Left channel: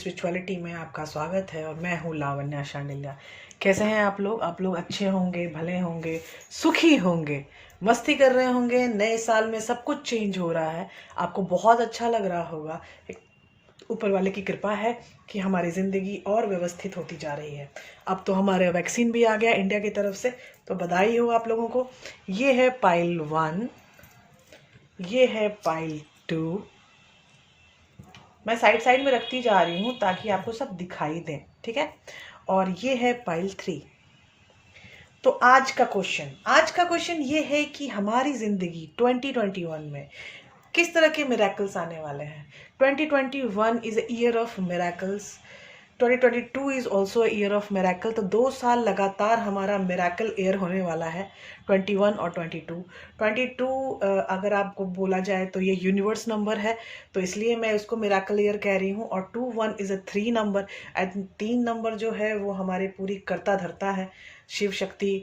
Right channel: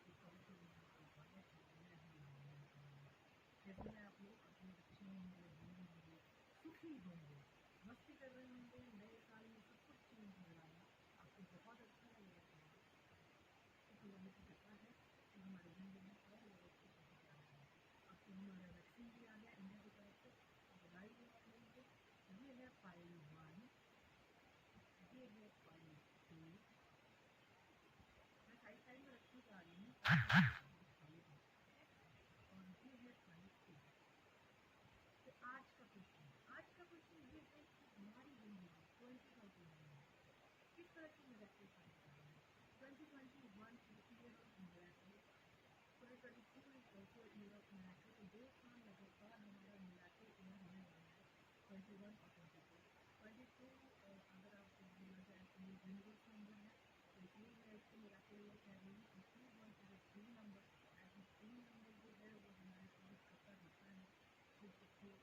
Spirituality में आपका स्वागत है और मैं हूँ लावण्या शांडिल्या। कैसे हैं आप लोग? आप लोग अच्छे होंगे, भले होंगे, सुखी होंगे, मस्ती कर रहे होंगे। नए साल में सब कुछ चेंज हो रहा है, आपको बहुत अच्छा लग रहा होगा। ऊपर वाले की कृपा है कि हमारी ज़िंदगी और व्यवस्थित होती जा रही है। अब तो हमारे वैक्सीन भी आ गया इंडिया की तरफ से, तो बधाई हो आप लोगों को। ये है पाइल 1, ये है पाइल 2। मैं साइड साइड में रखती जा रही हूँ ताकि आपको सब दिखाई दे, ठीक है। और ये है पाइल 3। तो आज का क्वेश्चन ये है कि हमारी ज़िंदगी 2021 में किस तरह के मिरेकल्स आने वाले हैं। 2021 is a year of miracles, 2022 is also year of miracle. तो 2 साल लगातार हमारा मिरेकल ईयर होने वाला है, 21 और 22। अगर आपको बोला जाए तो ये यूनिवर्स नंबर है, तो इसलिए मैं उसको मिरेकल ईयर कह रही हूँ। और 21 is a 3 number, and 3 number जो है वो हमारे पूरी करता धरता है, शिव शक्ति।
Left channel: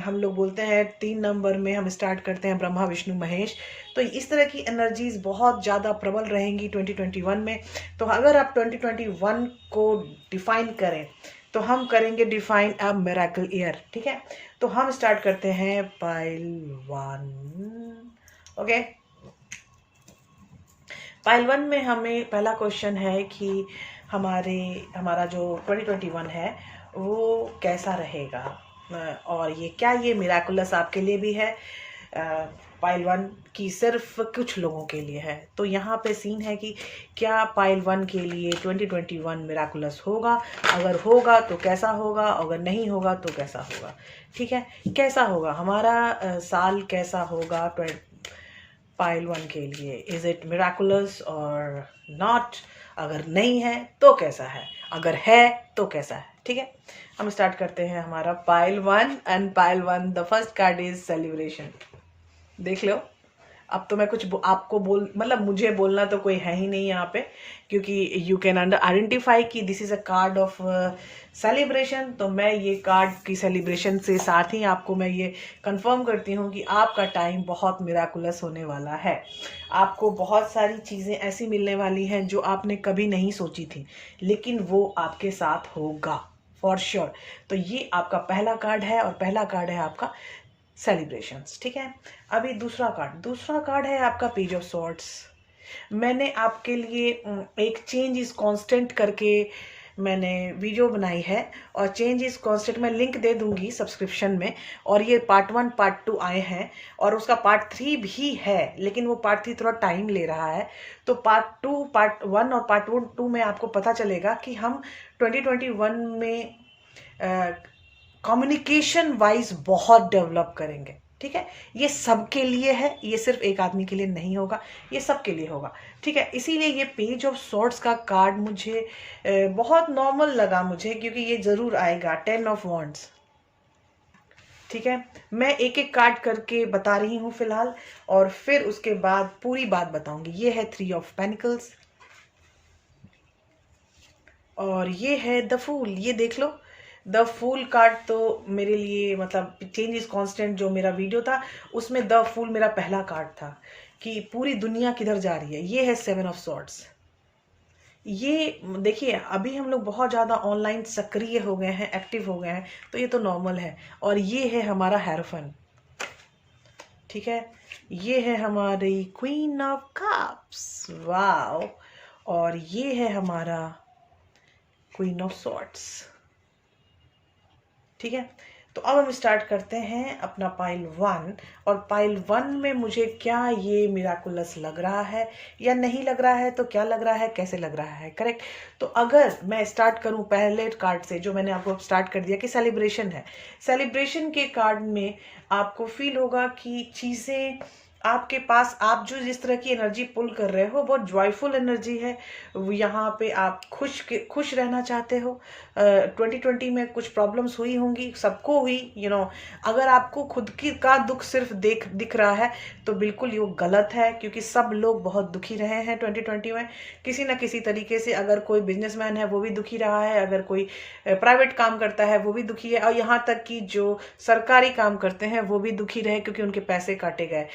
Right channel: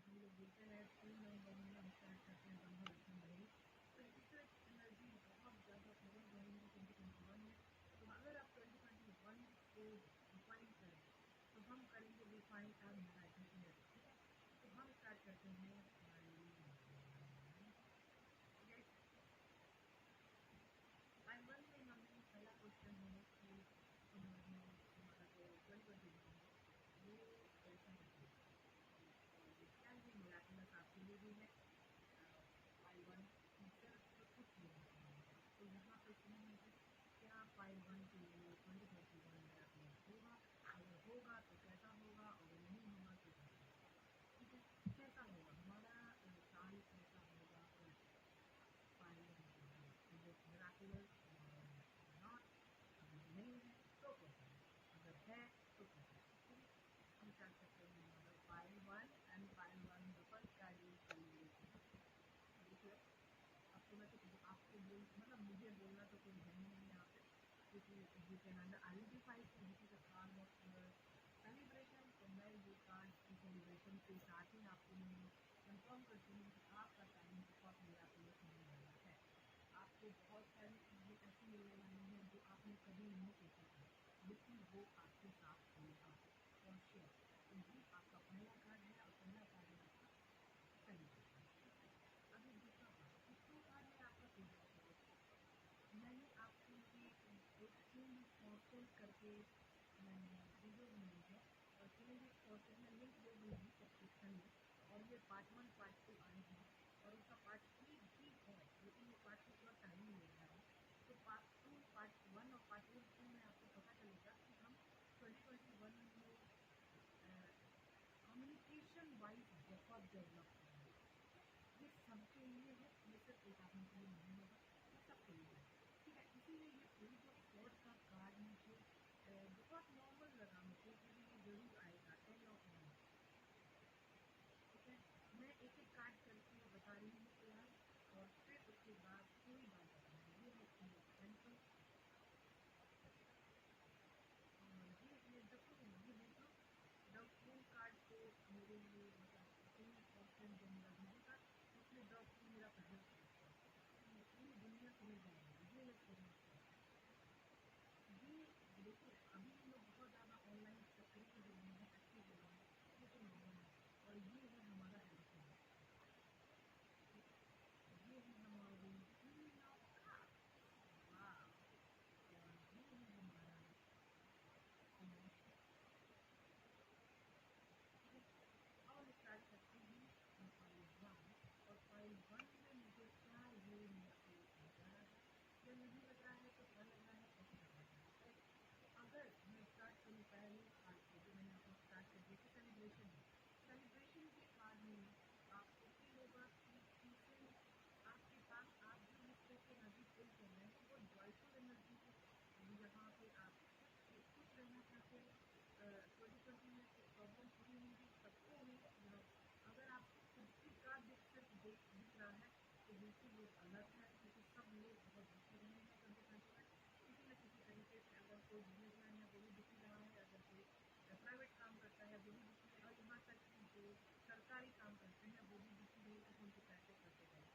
हम लोग बोलते हैं 3 नंबर में हम स्टार्ट करते हैं ब्रह्मा विष्णु महेश। तो इस तरह की एनर्जीज बहुत ज़्यादा प्रबल रहेंगी 2021 में। तो अगर आप 2021 को डिफाइन करें तो हम करेंगे डिफाइन अ मिरेकल ईयर, ठीक है। तो हम स्टार्ट करते हैं पाइल 1। ओके, पाइल 1 में हमें पहला क्वेश्चन है कि हमारा जो 2021 है वो कैसा रहेगा, और ये क्या ये मिराकुलस आपके लिए भी है। पाइल 1 की सिर्फ कुछ लोगों के लिए है। तो यहाँ पे सीन है कि क्या पाइल 1 के लिए 2021 मिराकुलस होगा, अगर होगा तो कैसा होगा, अगर नहीं होगा तो कैसा होगा, ठीक है। कैसा होगा हमारा साल, कैसा होगा पाइल 1 के लिए, इज इट मिराकुलस और नॉट। अगर नहीं है तो कैसा है, अगर है तो कैसा है, ठीक है। हम स्टार्ट करते हैं हमारा pile 1। And pile 1 the first card is celebration. देख लो, अब तो मैं कुछ आपको मतलब मुझे बोलना तो कोई है ही नहीं यहाँ पे, क्योंकि यू कैन आइडेंटिफाई कि this is a card of celebration. तो मैं ये कार्ड की सेलिब्रेशन से साथ ही आपको मैं ये कंफर्म करती हूँ कि आपका टाइम बहुत मिराकुलस होने वाला है। आपको बहुत सारी चीज़ें ऐसी मिलने वाली हैं जो आपने कभी नहीं सोची थी, लेकिन वो आपके साथ होगा फॉर श्योर। तो ये आपका पहला कार्ड है, और पहला कार्ड है आपका सेलिब्रेशंस, ठीक है। अभी दूसरा कार्ड है आपका पेज ऑफ सॉर्ड्स। मैंने आपके लिए एक चेंज इज कांस्टेंट करके मैंने वीडियो बनाई है, और चेंज इज कांस्टेंट मैं लिंक दे दूंगी सब्सक्रिप्शन में। और ये पार्ट 1 पार्ट 2 आए हैं, और उसका पार्ट 3 भी है, लेकिन वो पार्ट 3 थोड़ा टाइम ले रहा है। तो पार्ट 1 और पार्ट 2 में आपको पता चलेगा कि हम 2021 में कम्युनिकेशन वाइज बहुत डेवलप करेंगे, ठीक है। ये सबके लिए है, ये सिर्फ एक आदमी के लिए नहीं होगा, ये सबके लिए होगा, ठीक है। इसीलिए ये पेज ऑफ सॉर्ड्स का कार्ड मुझे बहुत नॉर्मल लगा मुझे, क्योंकि ये जरूर आएगा 10 ऑफ वॉन्ड्स, ठीक है। मैं एक एक कार्ड करके बता रही हूँ फिलहाल, और फिर उसके बाद पूरी बात बताऊंगी। ये है 3 ऑफ पेनिकल्स, और ये है द फूल। ये देख लो, द फूल कार्ड तो मेरे लिए मतलब चेंज इज कांस्टेंट जो मेरा वीडियो था उसमें द फूल मेरा पहला कार्ड था कि पूरी दुनिया किधर जा रही है। ये है 7 ऑफ सॉर्ड्स। ये देखिए, अभी हम लोग बहुत ज़्यादा ऑनलाइन सक्रिय हो गए हैं, एक्टिव हो गए हैं, तो ये तो नॉर्मल है। और ये है हमारा हैरोफन, ठीक है। ये है हमारी क्वीन ऑफ कप्स, वाओ। और ये है हमारा क्वीन ऑफ सॉर्ड्स, ठीक है। तो अब हम स्टार्ट करते हैं अपना पाइल 1। और पाइल 1 में मुझे क्या ये मिराकुलस लग रहा है या नहीं लग रहा है, तो क्या लग रहा है, कैसे लग रहा है, करेक्ट। तो अगर मैं स्टार्ट करूं पहले कार्ड से, जो मैंने आपको स्टार्ट कर दिया कि सेलिब्रेशन है। सेलिब्रेशन के कार्ड में आपको फील होगा कि चीज़ें आपके पास, आप जो जिस तरह की एनर्जी पुल कर रहे हो बहुत जॉयफुल एनर्जी है। यहाँ पे आप खुश रहना चाहते हो। 2020 में कुछ प्रॉब्लम्स हुई होंगी, सबको हुई, अगर आपको खुद की का दुख सिर्फ दिख रहा है तो बिल्कुल ये गलत है, क्योंकि सब लोग बहुत दुखी रहे हैं 2020 में, किसी ना किसी तरीके से। अगर कोई बिजनेसमैन है वो भी दुखी रहा है, अगर कोई प्राइवेट काम करता है वो भी दुखी है, और यहाँ तक कि जो सरकारी काम करते हैं वो भी दुखी रहे, क्योंकि उनके पैसे काटे गए।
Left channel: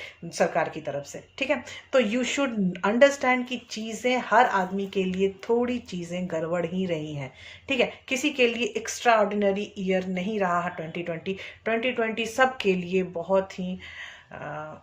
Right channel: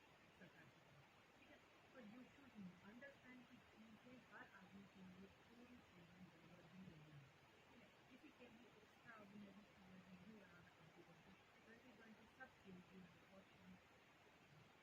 सरकार की तरफ से, ठीक है। तो यू शुड अंडरस्टैंड कि चीज़ें हर आदमी के लिए थोड़ी चीज़ें गड़बड़ ही रही हैं, ठीक है। किसी के लिए एक्स्ट्रा ऑर्डिनरी ईयर नहीं रहा है 2020 सब के लिए बहुत ही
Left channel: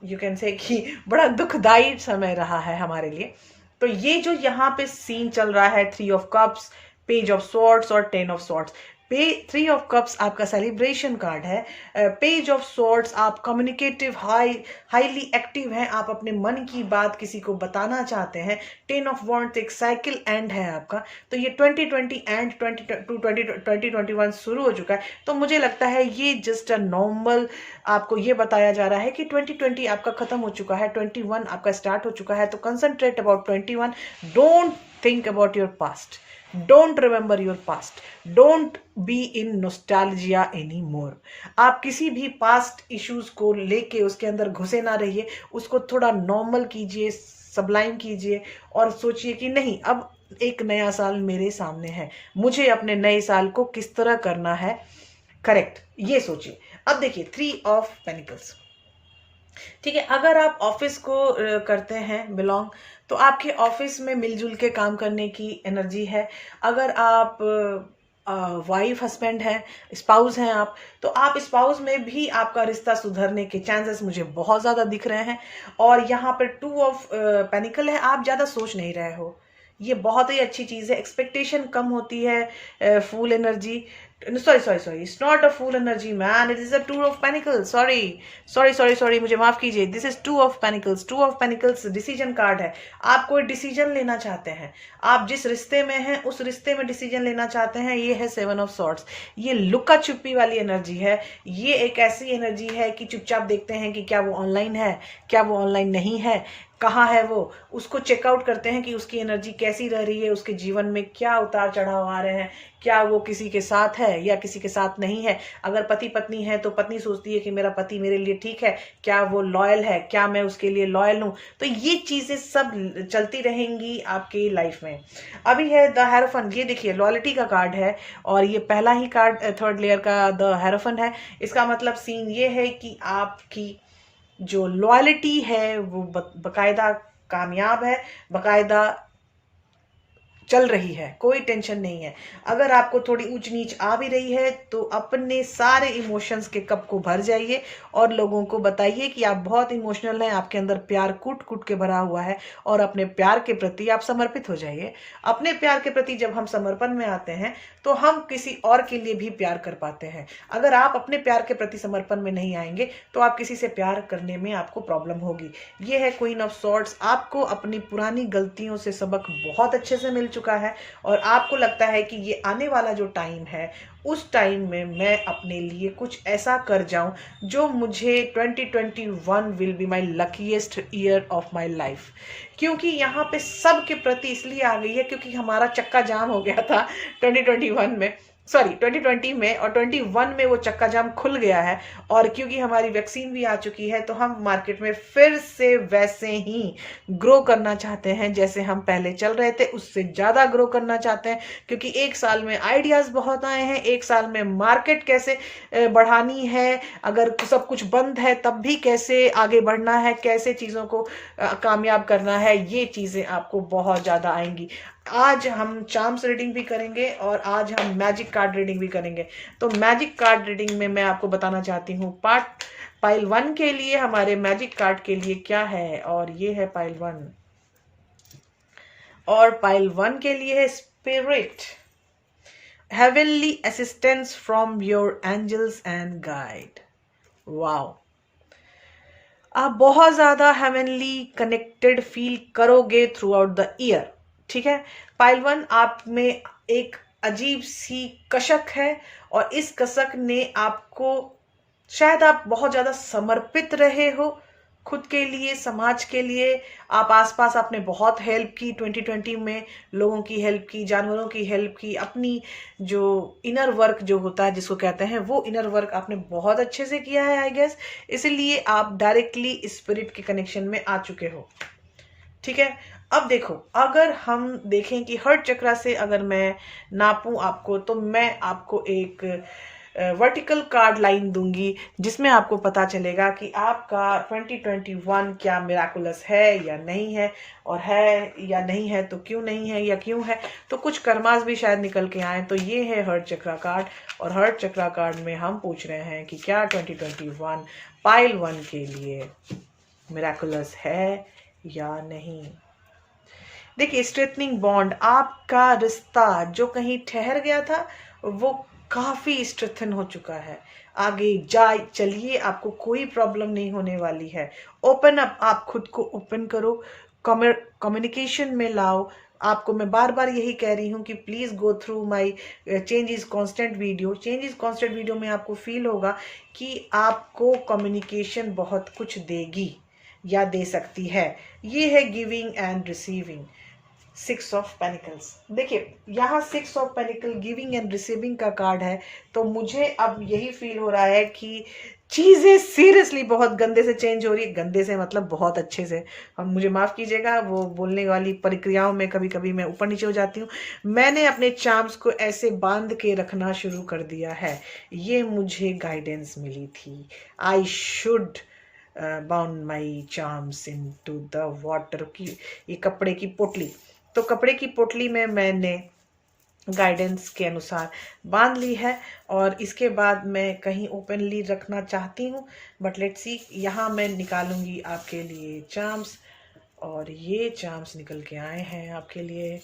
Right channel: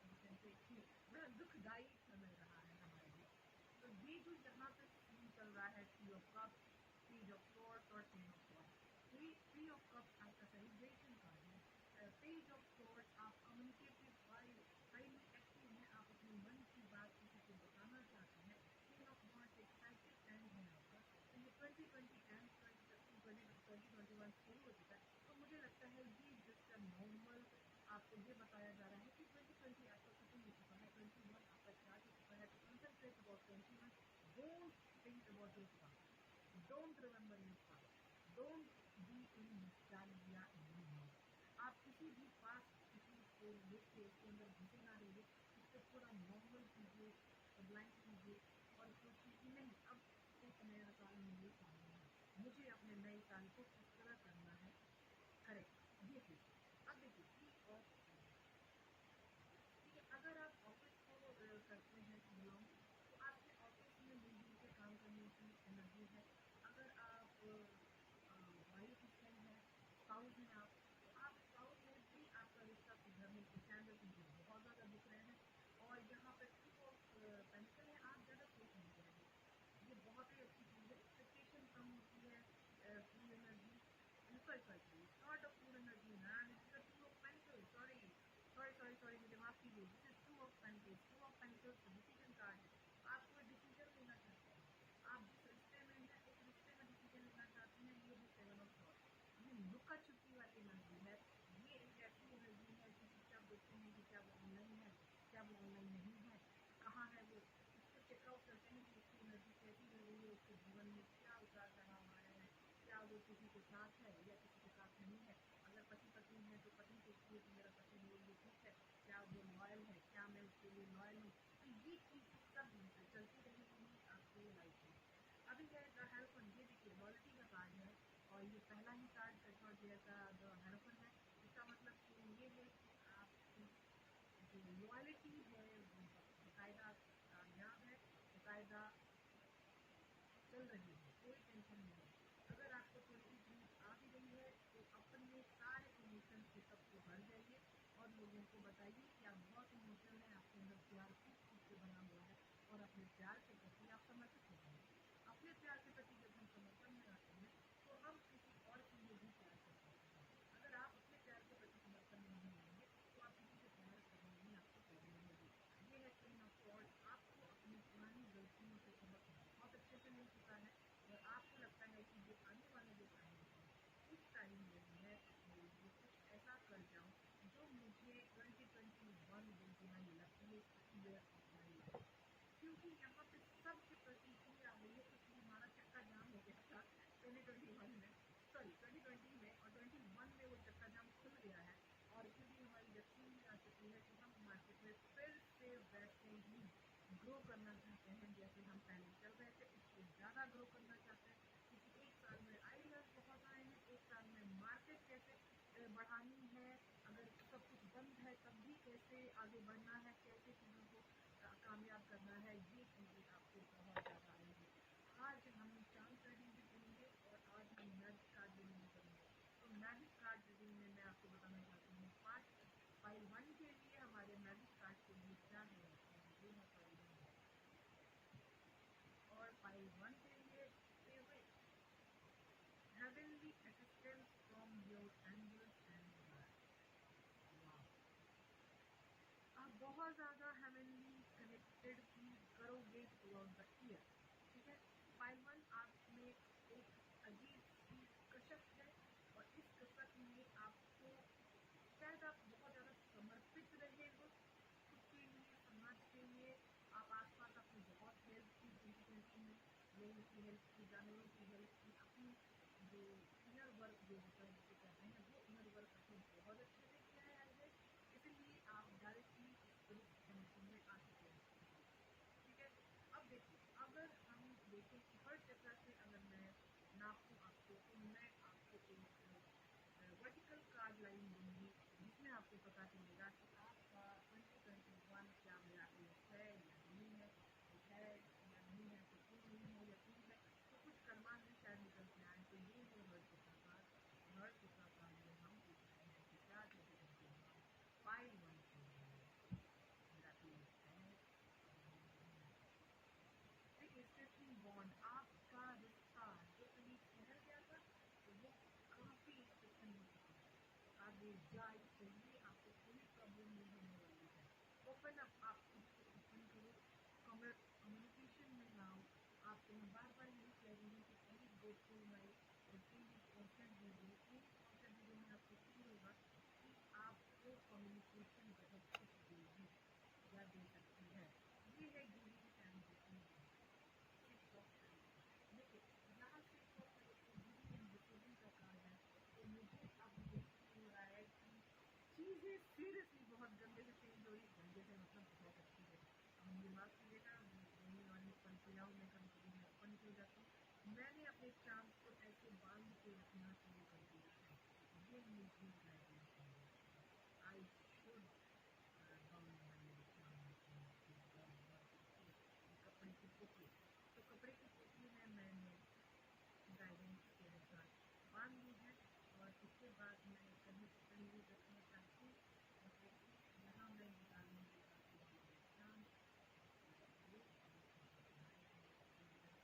यू कैन से कि बड़ा दुखदाई समय रहा है हमारे लिए। तो ये जो यहाँ पे सीन चल रहा है 3 of cups, page of swords और 10 ऑफ स्वॉर्ड्स। 3 ऑफ कप्स आपका सेलिब्रेशन कार्ड है, पेज ऑफ स्वॉर्ड्स आप कम्युनिकेटिव हाईली एक्टिव हैं, आप अपने मन की बात किसी को बताना चाहते हैं। 10 ऑफ वॉन्ड्स एक साइकिल एंड है आपका। तो ये 2020 एंड 2021 शुरू हो चुका है। तो मुझे लगता है ये जस्ट अ नॉर्मल, आपको ये बताया जा रहा है कि 2020 आपका खत्म हो चुका है, 21 आपका स्टार्ट हो चुका है। तो concentrate about 21, don't think about your past, don't remember your past, don't be in nostalgia any more. आप किसी भी पास्ट इश्यूज को लेके उसके अंदर घुसे ना रहिए, उसको थोड़ा नॉर्मल कीजिए, सबलाइम कीजिए और सोचिए कि नहीं, अब एक नया साल मेरे सामने है, मुझे अपने नए साल को किस तरह करना है करेक्ट, ये सोचिए। अब देखिए 3 ऑफ पेनिकल्स, ठीक है। अगर आप ऑफिस को करते हैं बिलोंग, तो आपके ऑफिस में मिलजुल के काम करने की एनर्जी है। अगर आप वाइफ हस्बैंड है, स्पाउस हैं आप, तो आप स्पाउस में भी आपका रिश्ता सुधरने के चांसेस मुझे बहुत ज़्यादा दिख रहे हैं। और यहाँ पर 2 ऑफ पेनिकल है, आप ज़्यादा सोच नहीं रहे हो, ये बहुत ही अच्छी चीज़ है। एक्सपेक्टेशन कम होती है, fool energy, sorry it's not a fool energy man, it is a 2 of pentacles, sorry मुझे माफ कीजिए, this is 2 of pentacles. 2 of pentacles decision card है। आप कोई डिसीजन लेना चाहते हैं, आप जिस रिश्ते में हैं उस रिश्ते में डिसीजन लेना चाहते हैं। ये है 7 ऑफ सॉर्ड्स, ये लुका छुपी वाली एनर्जी है। ये एक ऐसी एनर्जी है कि चुपचाप देखते हैं कि क्या वो ऑनलाइन है, क्या वो ऑनलाइन नहीं है, कहाँ है वो, उसको चेकआउट करते हैं कि उसकी एनर्जी कैसी रह रही है, उसके जीवन में क्या उतार चढ़ाव आ रहे हैं, क्या वो किसी के साथ है या किसी के साथ नहीं है। अगर पति पत्नी है तो पत्नी सोचती है कि मेरा पति मेरे लिए ठीक है, क्या वो लॉयल है, क्या मैं उसके लिए लॉयल हूँ। तो ये चीज़ें सब चलती रहेंगी आपकी लाइफ में। अभी है द हेरोफन, ये देखिए लॉयल्टी का कार्ड है और ये पहला ही कार्ड थर्ड लेयर का द हेरोफन है। इसका मतलब सीन ये है कि आपकी जो लॉयल्टी है वो बकायदा कामयाब है, बकायदा चल रही है, कोई टेंशन नहीं है। अगर आपको थोड़ी ऊंच नीच आ भी रही है तो अपने सारे इमोशंस के कप को भर जाइए और लोगों को बताइए कि आप बहुत इमोशनल हैं, आपके अंदर प्यार कूट कूट के भरा हुआ है और अपने प्यार के प्रति आप समर्पित हो जाइए। अपने प्यार के प्रति जब हम समर्पण में आते हैं तो हम किसी और के लिए भी प्यार कर पाते हैं। अगर आप अपने प्यार के प्रति समर्पण में नहीं आएंगे तो आप किसी से प्यार करने में आपको प्रॉब्लम होगी। ये है क्वीन ऑफ सॉर्ड्स, आपको अपनी पुरानी गलतियों से सबक बहुत अच्छे से मिल चुका है और आपको लगता है कि ये आने वाला जो टाइम है उस टाइम में मैं अपने लिए कुछ ऐसा कर जाऊं जो मुझे 2021 will be my luckiest year of my life. क्योंकि यहाँ पे सब के प्रति इसलिए आ गई है क्योंकि हमारा चक्का जाम हो गया था 2021 में, सॉरी 2020 में, और 21 में वो चक्का जाम खुल गया है। और क्योंकि हमारी वैक्सीन भी आ चुकी है तो हम मार्केट में फिर से वैसे ही ग्रो करना चाहते हैं जैसे हम पहले चल रहे थे, उससे ज़्यादा ग्रो करना चाहते हैं। क्योंकि एक साल में आइडियाज़ बहुत आए हैं, एक साल में मार्केट कैसे बढ़ानी है, अगर सब कुछ बंद है तब भी कैसे आगे बढ़ना है, कैसे चीज़ों को कामयाब करना है, ये चीज़ें आपको बहुत ज़्यादा आएंगी। आज हम चार्म्स रीडिंग भी करेंगे और आज हम मैजिक कार्ड रीडिंग भी करेंगे। तो मैजिक कार्ड रीडिंग में मैं आपको बताना चाहती हूँ पाइल 1 के लिए हमारे मैजिक कार्ड के लिए क्या है, और ये है पाइल 1। और पाइल 1 के लिए है spirit, heavenly assistance from your angels and guide. Wow, आप बहुत ज़्यादा हेवनली कनेक्टेड फील करोगे थ्रू आउट द ईयर, ठीक है। पाइल 1 आप में एक अजीब सी कसक है और इस कसक ने आपको, शायद आप बहुत ज़्यादा समर्पित रहे हो खुद के लिए, समाज के लिए। आप आसपास आपने बहुत हेल्प की 2020 में, लोगों की हेल्प की, जानवरों की हेल्प की, अपनी जो इनर वर्क जो होता है जिसको कहते हैं वो इनर वर्क आपने बहुत अच्छे से किया है आई गेस, इसलिए आप डायरेक्टली स्पिरिट के कनेक्शन में आ चुके हो, ठीक है। अब देखो, अगर हम देखें कि हर्ट चक्रा से अगर मैं नापूं आपको, तो मैं आपको एक वर्टिकल कार्ड लाइन दूंगी जिसमें आपको पता चलेगा कि आपका 2021 क्या मिराकुलस है या नहीं है, और है या नहीं है तो क्यों नहीं है या क्यों है। तो कुछ कर्मास भी शायद निकल के आए। तो ये है हर्ट चक्रा कार्ड, और हर्ट चक्रा कार्ड में हम पूछ रहे हैं कि क्या 2021 पाइल 1 के लिए मिराकुलस है या नहीं। देखिए, स्ट्रेटनिंग बॉन्ड, आपका रिश्ता जो कहीं ठहर गया था वो काफी स्ट्रेथन हो चुका है। आगे जा चलिए, आपको कोई प्रॉब्लम नहीं होने वाली है। ओपन अप, आप खुद को ओपन करो, कम्युनिकेशन में लाओ। आपको मैं बार बार यही कह रही हूँ कि please go through my change is constant video. Change is constant video में आपको फील होगा कि आपको कम्युनिकेशन बहुत कुछ देगी या दे सकती है। ये है giving and receiving, 6 of pentacles. देखिए, यहाँ 6 of panicle giving and receiving का कार्ड है। तो मुझे अब यही फील हो रहा है कि चीज़ें सीरियसली बहुत गंदे से चेंज हो रही है। गंदे से मतलब बहुत अच्छे से। और मुझे माफ़ कीजिएगा, वो बोलने वाली प्रक्रियाओं में कभी कभी मैं ऊपर नीचे हो जाती हूँ। मैंने अपने चार्म्स को ऐसे बांध के रखना शुरू कर दिया है। ये मुझे गाइडेंस मिली थी। I should bound my charms in to the water की, ये कपड़े की पोटली। तो कपड़े की पोटली में मैंने गाइडेंस के अनुसार बांध ली है, और इसके बाद मैं कहीं ओपनली रखना चाहती हूँ, बट लेट्स सी। यहाँ मैं निकालूंगी आपके लिए चार्म्स, और ये चार्म्स निकल के आए हैं आपके लिए।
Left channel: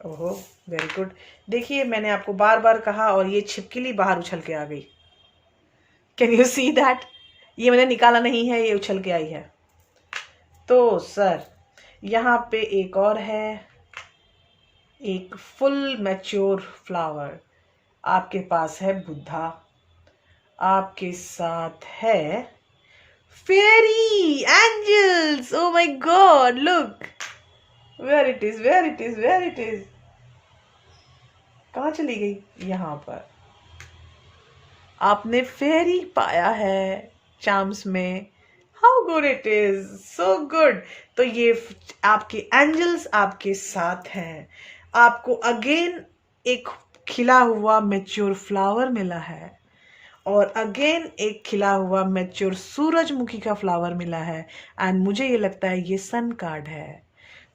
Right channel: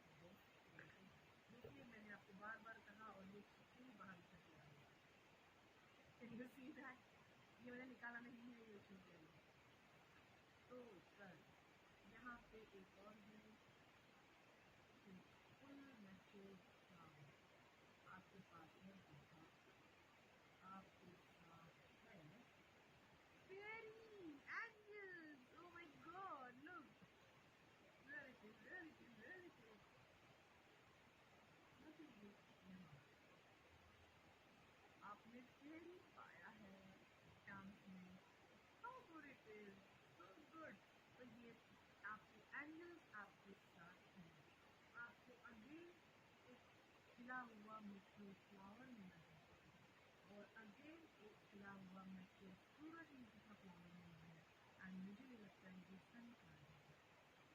ओहो, वेरी गुड। देखिए, मैंने आपको बार बार कहा और ये छिपकली बाहर उछल के आ गई। Can you see that? ये मैंने निकाला नहीं है, ये उछल के आई है। तो सर, यहाँ पे एक और है, एक फुल मैच्योर फ्लावर। आपके पास है बुद्धा, आपके साथ है fairy angels. Oh my God, look where it is, where it is, where it is. कहाँ चली गई? यहाँ पर आपने फेरी पाया है चार्म्स में। How good it is, so good. तो ये आपके एंजल्स आपके साथ हैं। आपको अगेन एक खिला हुआ मैच्योर फ्लावर मिला है, और अगेन एक खिला हुआ मैच्योर सूरजमुखी का फ्लावर मिला है। एंड मुझे ये लगता है ये सन कार्ड है।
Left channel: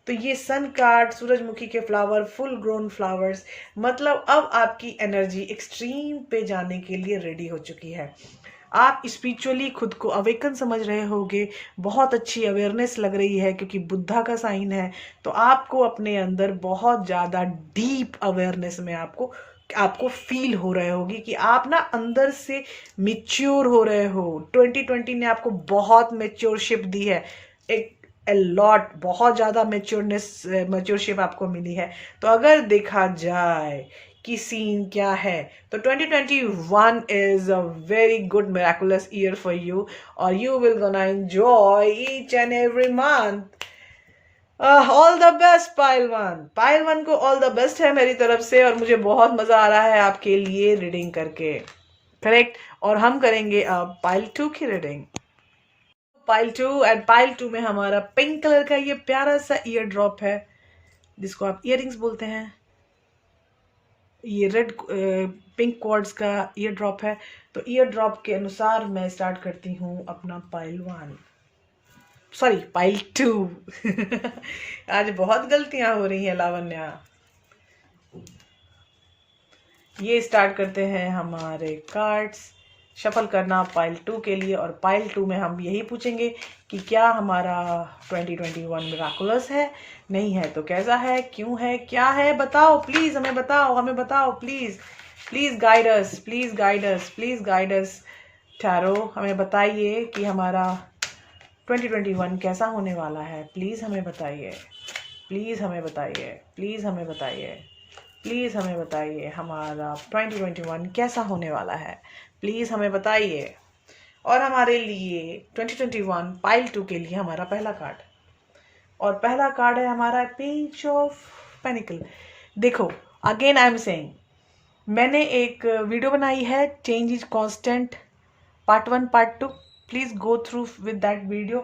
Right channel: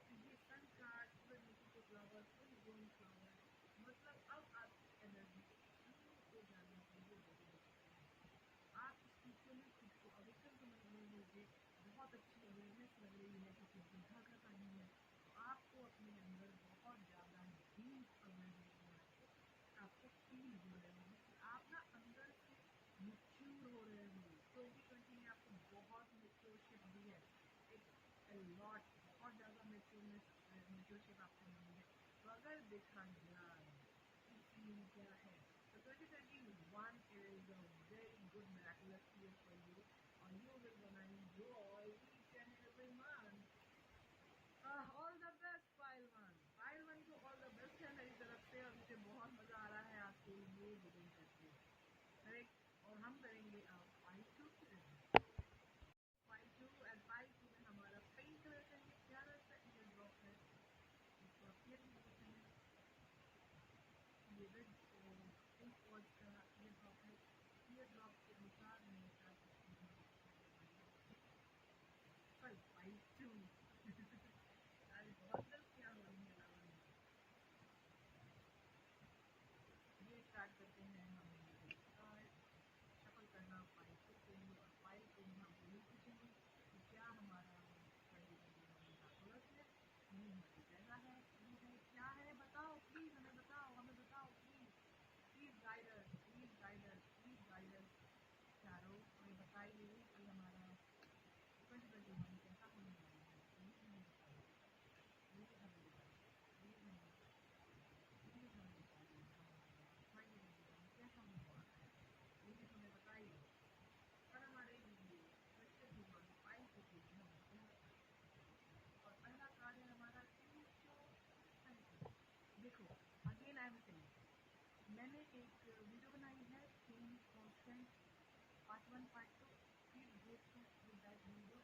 तो ये सन कार्ड, सूरजमुखी के फ्लावर, फुल ग्रोन फ्लावर्स, मतलब अब आपकी एनर्जी एक्सट्रीम पे जाने के लिए रेडी हो चुकी है। आप स्पिरिचुअली खुद को अवेकन समझ रहे होगे। बहुत अच्छी अवेयरनेस लग रही है, क्योंकि बुद्धा का साइन है। तो आपको अपने अंदर बहुत ज़्यादा डीप अवेयरनेस में आपको फील हो रहे होगी कि आप ना अंदर से मेच्योर हो रहे हो। 2020 ने आपको बहुत मेच्योरशिप दी है, एक लॉट, बहुत ज़्यादा मेच्योरशिप आपको मिली है। तो अगर देखा जाए कि सीन क्या है, तो 2021 is a very good miraculous year for you, और you will gonna enjoy each and every month. All the best pile one. Pile one को ऑल द बेस्ट है मेरी तरफ से, और मुझे बहुत मजा आ रहा है आपके लिए रीडिंग करके। करेक्ट। और हम करेंगे अब पाइल 2 की रीडिंग। पाइल 2, एंड पाइल 2 में हमारा पिंक कलर का ये प्यारा सा ईयर ड्रॉप है, जिसको आप इयररिंग्स बोलते हैं। ये रेड पिंक क्वार्ट्ज का ईयर ड्रॉप है। तो ईयर ड्रॉप के अनुसार मैं स्टार्ट करती हूँ अपना पाइल 1, सॉरी पाइल 2। आज बहुत गलतियां हो रही हैं लावण्या। ये स्टार्ट करते हैं हमारे कार्ड्स शफल करना पाइल 2 के लिए, और पाइल 2 में हम यही पूछेंगे कि क्या हमारा 2021 मिराकुलस है, नहीं है तो कैसा है, क्यों है, क्या है, बताओ प्लीज, हमें बताओ, हमें बताओ please. Please guide us, please guide us, please guide us. Tarot, हमें बताइए कि हमारा 2021 कैसा होने वाला है। प्लीज हमें बताइए, प्लीज हमें बताइए, प्लीज हमें बताइए, प्लीज़ हमें बताइए हमारा 2021 कैसा होने वाला है। प्लीज़ हमें बताइए। और हमारे लिए 2021 पाइल 2 के लिए हमारा पहला कार्ड, और पहला कार्ड है हमारा पेज ऑफ पेनिकल। देखो, अगेन आई एम सेइंग, मैंने एक वीडियो बनाई है change is constant part 1 part 2। Please go through with that video,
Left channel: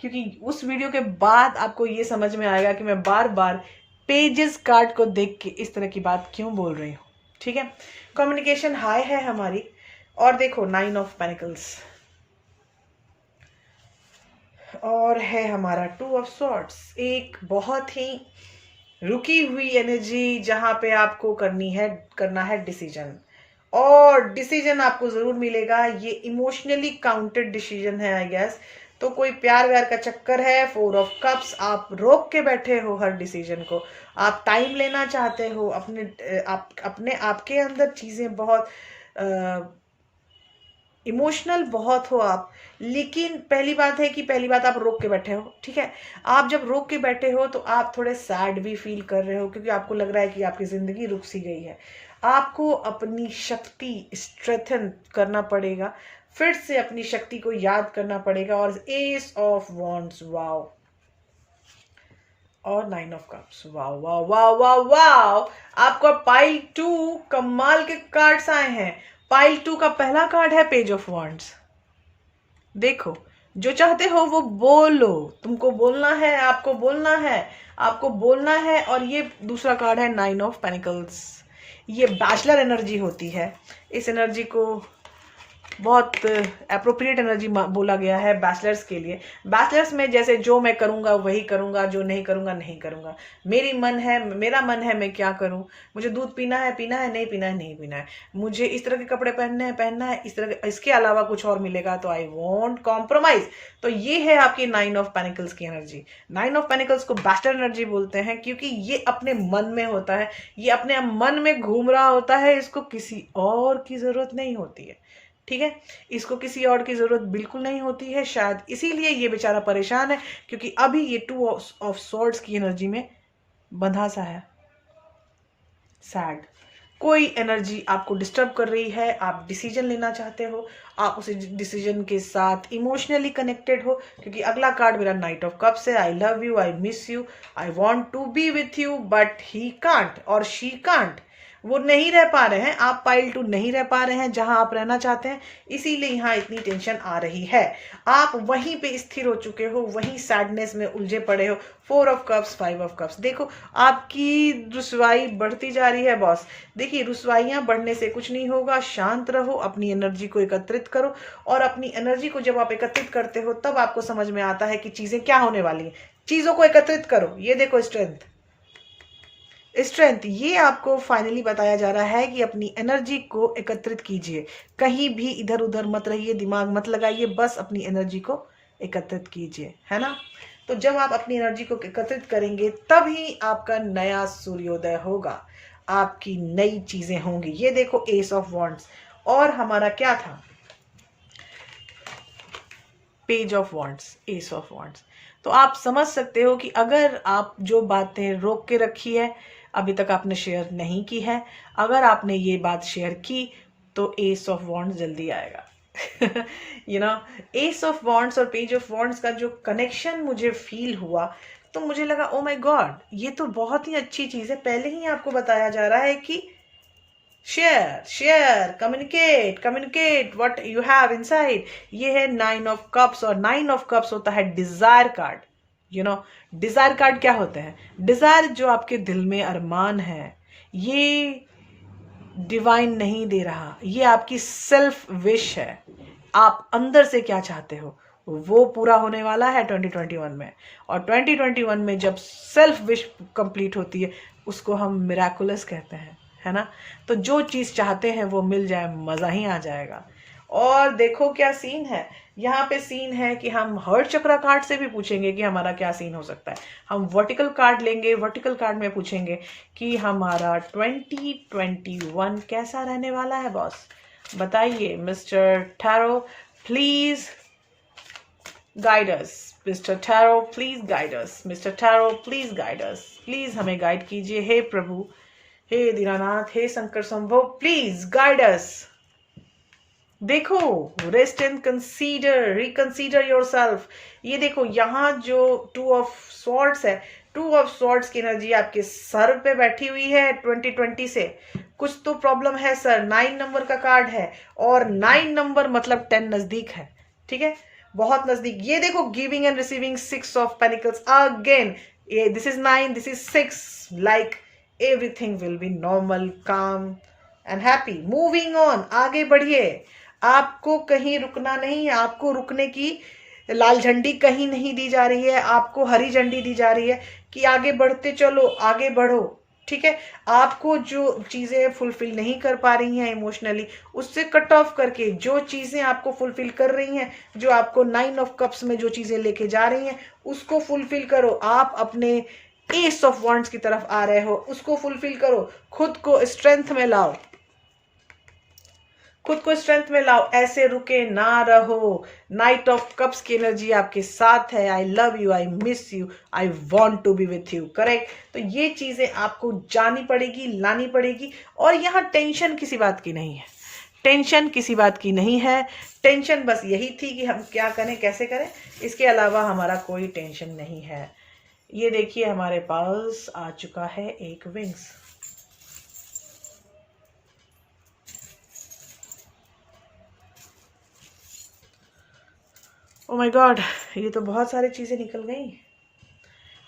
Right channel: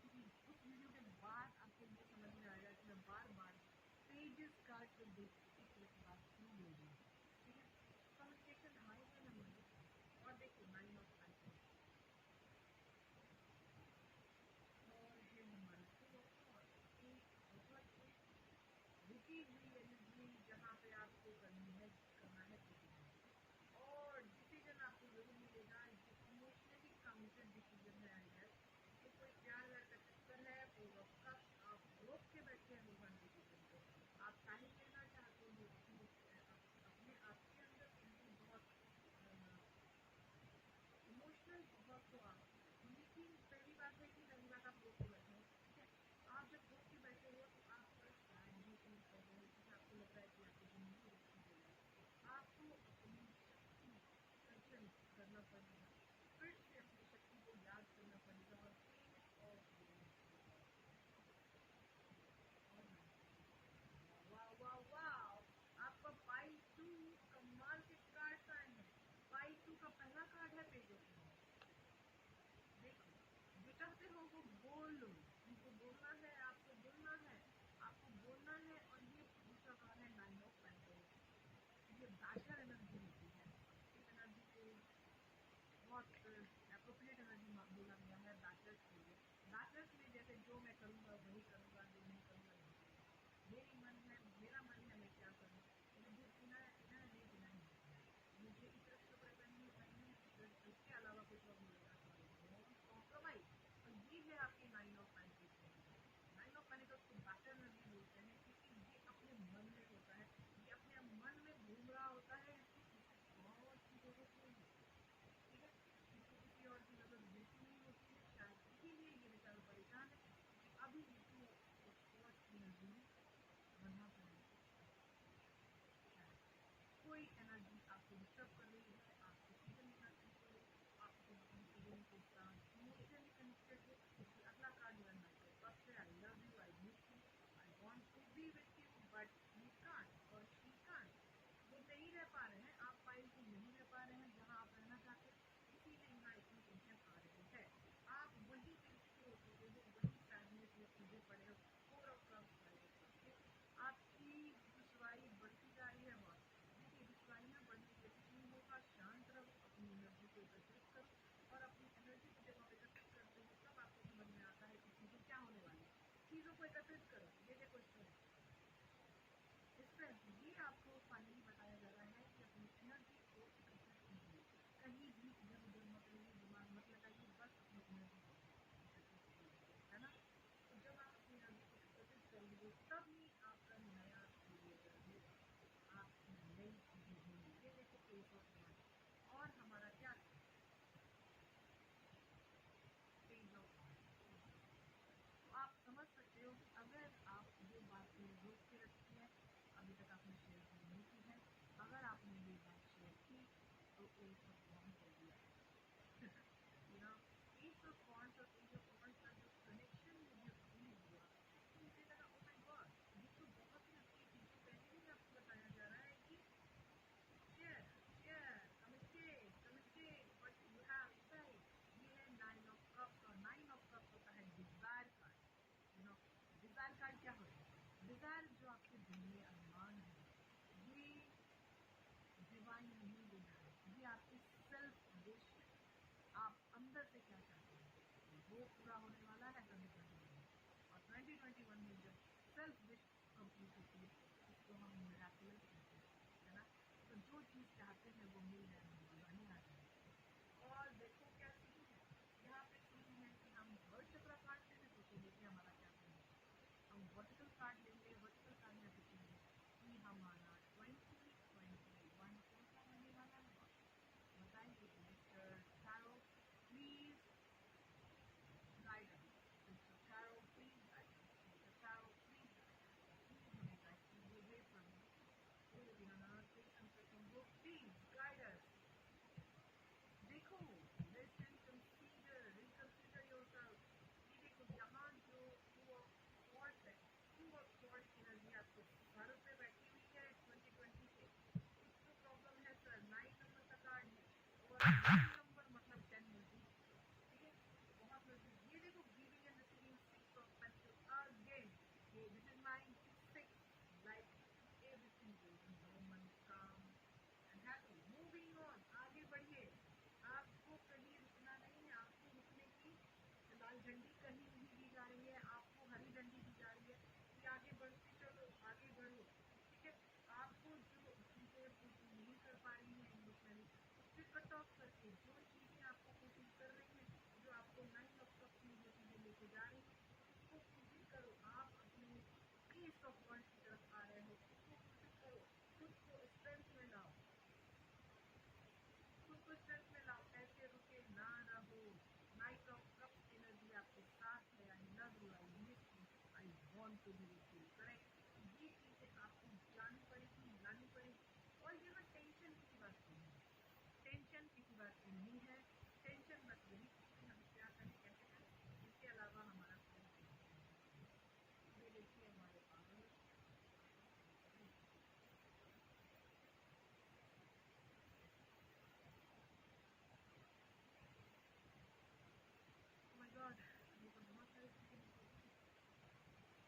क्योंकि उस वीडियो के बाद आपको ये समझ में आएगा कि मैं बार बार पेजेस कार्ड को देख के इस तरह की बात क्यों बोल रही हूँ, ठीक है। कम्युनिकेशन हाई है हमारी। और देखो 9 ऑफ पेनिकल्स, और है हमारा 2 ऑफ सॉर्ड्स, एक बहुत ही रुकी हुई एनर्जी जहां पे आपको करना है डिसीजन, और डिसीजन आपको जरूर मिलेगा। ये इमोशनली काउंटेड डिसीजन है आई गेस। तो कोई प्यार व्यार का चक्कर है। 4 ऑफ कप्स, आप रोक के बैठे हो हर डिसीजन को, आप टाइम लेना चाहते हो, अपने आपके अंदर चीजें बहुत इमोशनल बहुत हो आप। लेकिन पहली बात है कि पहली बात आप रोक के बैठे हो, ठीक है। आप जब रोक के बैठे हो तो आप थोड़े सैड भी फील कर रहे हो, क्योंकि आपको लग रहा है कि आपकी जिंदगी रुक सी गई है। आपको अपनी शक्ति स्ट्रेंथन करना पड़ेगा, फिर से अपनी शक्ति को याद करना पड़ेगा। और एस ऑफ वॉन्ड्स, वाओ, और 9 of cups, wow wow wow wow wow. आपको पाइल 2 कमाल के कार्ड्स आए हैं। पाइल 2 का पहला कार्ड है पेज ऑफ वॉन्ड्स। देखो, जो चाहते हो वो बोलो, तुमको बोलना है, आपको बोलना है, आपको बोलना है। और ये दूसरा कार्ड है 9 ऑफ पेनिकल्स। ये बैचलर एनर्जी होती है। इस एनर्जी को बहुत अप्रोप्रिएट एनर्जी बोला गया है बैचलर्स के लिए। बैचलर्स में जैसे जो मैं करूंगा वही करूंगा, जो नहीं करूंगा नहीं करूंगा। मेरा मन है मैं क्या करूं। मुझे दूध पीना है, नहीं पीना है, नहीं पीना है। मुझे इस तरह के कपड़े पहनना है, इस तरह इसके अलावा कुछ और मिलेगा तो आई वॉन्ट कॉम्प्रोमाइज। तो ये है आपकी 9 ऑफ पेनिकल्स की एनर्जी। 9 ऑफ पेनिकल्स को बैचलर एनर्जी बोलते हैं, क्योंकि ये अपने मन में होता है, ये अपने मन में घूम रहा होता है। इसको किसी और की जरूरत नहीं होती है, ठीक है। इसको किसी और की जरूरत बिल्कुल नहीं होती है। शायद इसीलिए ये बेचारा परेशान है, क्योंकि अभी ये 2 ऑफ सॉर्ड्स की एनर्जी में बंधा सा है, सैड। कोई एनर्जी आपको डिस्टर्ब कर रही है, आप डिसीजन लेना चाहते हो, आप उस डिसीजन के साथ इमोशनली कनेक्टेड हो। क्योंकि अगला कार्ड मेरा नाइट ऑफ कप्स है। I love you, I miss you, I want to be with you but he can't or she can't. वो नहीं रह पा रहे हैं, आप पाइल 2 नहीं रह पा रहे हैं जहां आप रहना चाहते हैं, इसीलिए यहाँ इतनी टेंशन आ रही है। आप वहीं पे स्थिर हो चुके हो, वहीं सैडनेस में उलझे पड़े हो। 4 ऑफ कप्स, 5 ऑफ कप्स। देखो, आपकी रुसवाई बढ़ती जा रही है बॉस। देखिए, रुसवाइयां बढ़ने से कुछ नहीं होगा। शांत रहो, अपनी एनर्जी को एकत्रित करो, और अपनी एनर्जी को जब आप एकत्रित करते हो तब आपको समझ में आता है कि चीजें क्या होने वाली हैं। चीजों को एकत्रित करो। ये देखो, स्ट्रेंथ, ये आपको फाइनली बताया जा रहा है कि अपनी एनर्जी को एकत्रित कीजिए। कहीं भी इधर उधर मत रहिए, दिमाग मत लगाइए, बस अपनी एनर्जी को एकत्रित कीजिए, है ना। तो जब आप अपनी एनर्जी को एकत्रित करेंगे तभी आपका नया सूर्योदय होगा, आपकी नई चीजें होंगी। ये देखो, एस ऑफ वॉन्ड्स, और हमारा क्या था, page of wands, S of wands. तो आप समझ सकते हो कि अगर आप जो बातें रोक के रखी है, अभी तक आपने शेयर नहीं की है, अगर आपने ये बात शेयर की तो एस ऑफ वॉन्ड्स जल्दी आएगा। You know, S of wands और पेज ऑफ वॉन्ड्स का जो कनेक्शन मुझे फील हुआ, तो मुझे लगा ओ माय गॉड, ये तो बहुत ही अच्छी चीज है। पहले ही आपको बताया जा रहा है कि share, communicate what you have inside. ये है 9 ऑफ कप्स, और 9 ऑफ कप्स होता है desire card. You know, desire card क्या होते हैं? डिजायर, जो आपके दिल में अरमान है, ये डिवाइन नहीं दे रहा, ये आपकी सेल्फ विश है। आप अंदर से क्या चाहते हो वो पूरा होने वाला है 2021 में। और 2021 में जब सेल्फ विश कंप्लीट होती है, उसको हम मिराकुलस कहते हैं, है ना। तो जो चीज चाहते हैं वो मिल जाए, मजा ही आ जाएगा। और देखो क्या सीन है, यहाँ पे सीन है कि हम हर्ट चक्र कार्ड से भी पूछेंगे कि हमारा क्या सीन हो सकता है। हम वर्टिकल कार्ड लेंगे, वर्टिकल कार्ड में पूछेंगे कि हमारा 2021 कैसा रहने वाला है बॉस, बताइए। Mister tarot please guide us, mister tarot please guide us, mister tarot please guide us, please हमें गाइड कीजिए। हे प्रभु, हे दीनानाथ, हे शंकर संभव, प्लीज गाइड अस। देखो, rest and consider, reconsider yourself. ये देखो, यहाँ जो 2 ऑफ स्वॉर्ड्स है, 2 ऑफ स्वॉर्ड्स की एनर्जी आपके सर पे बैठी हुई है 2020 से। कुछ तो प्रॉब्लम है सर। 9 नंबर का कार्ड है, और 9 नंबर मतलब 10 नजदीक है, ठीक है, बहुत नजदीक। ये देखो, giving and receiving, 6 of pentacles again. this is 9, this is 6, like everything will be normal, calm and happy. Moving on, आगे बढ़िए, आपको कहीं रुकना नहीं है, आपको रुकने की लाल झंडी कहीं नहीं दी जा रही है, आपको हरी झंडी दी जा रही है कि आगे बढ़ते चलो, आगे बढ़ो, ठीक है। आपको जो चीजें फुलफिल नहीं कर पा रही हैं इमोशनली, उससे कट ऑफ करके जो चीजें आपको फुलफिल कर रही हैं, जो आपको 9 ऑफ कप्स में जो चीजें लेके जा रही हैं, उसको फुलफिल करो। आप अपने एस ऑफ वॉन्ड्स की तरफ आ रहे हो, उसको फुलफिल करो, खुद को स्ट्रेंथ में लाओ, खुद को स्ट्रेंथ में लाओ, ऐसे रुके ना रहो। नाइट ऑफ कप्स की एनर्जी आपके साथ है। I love you, I miss you, I want to be with you, correct. तो ये चीजें आपको जानी पड़ेगी, लानी पड़ेगी। और यहाँ टेंशन किसी बात की नहीं है, टेंशन किसी बात की नहीं है। टेंशन बस यही थी कि हम क्या करें, कैसे करें, इसके अलावा हमारा कोई टेंशन नहीं है। ये देखिए हमारे पास आ चुका है एक विंग्स। ओ माय गॉड, ये तो बहुत सारी चीजें निकल गई।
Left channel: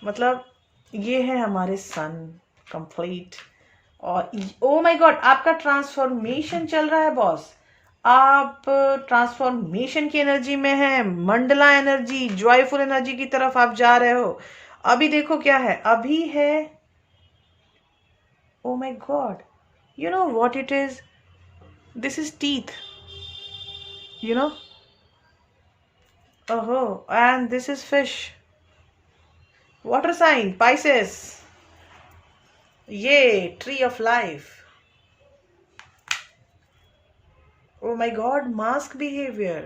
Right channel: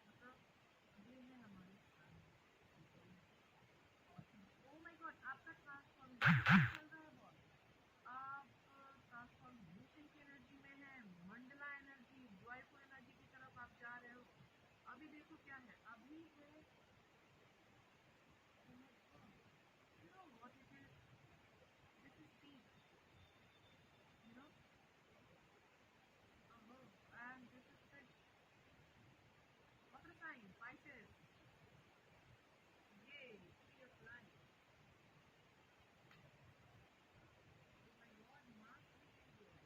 मतलब ये है हमारे सन कंप्लीट। और ओ माय गॉड, आपका ट्रांसफॉर्मेशन चल रहा है बॉस, आप ट्रांसफॉर्मेशन की एनर्जी में है, मंडला एनर्जी, जॉयफुल एनर्जी की तरफ आप जा रहे हो। अभी देखो क्या है, अभी है, oh my God, you know what it is, this is teeth, you know, oh, and this is fish. Water sign, Pisces. ये tree of life. Oh my God, mask behavior.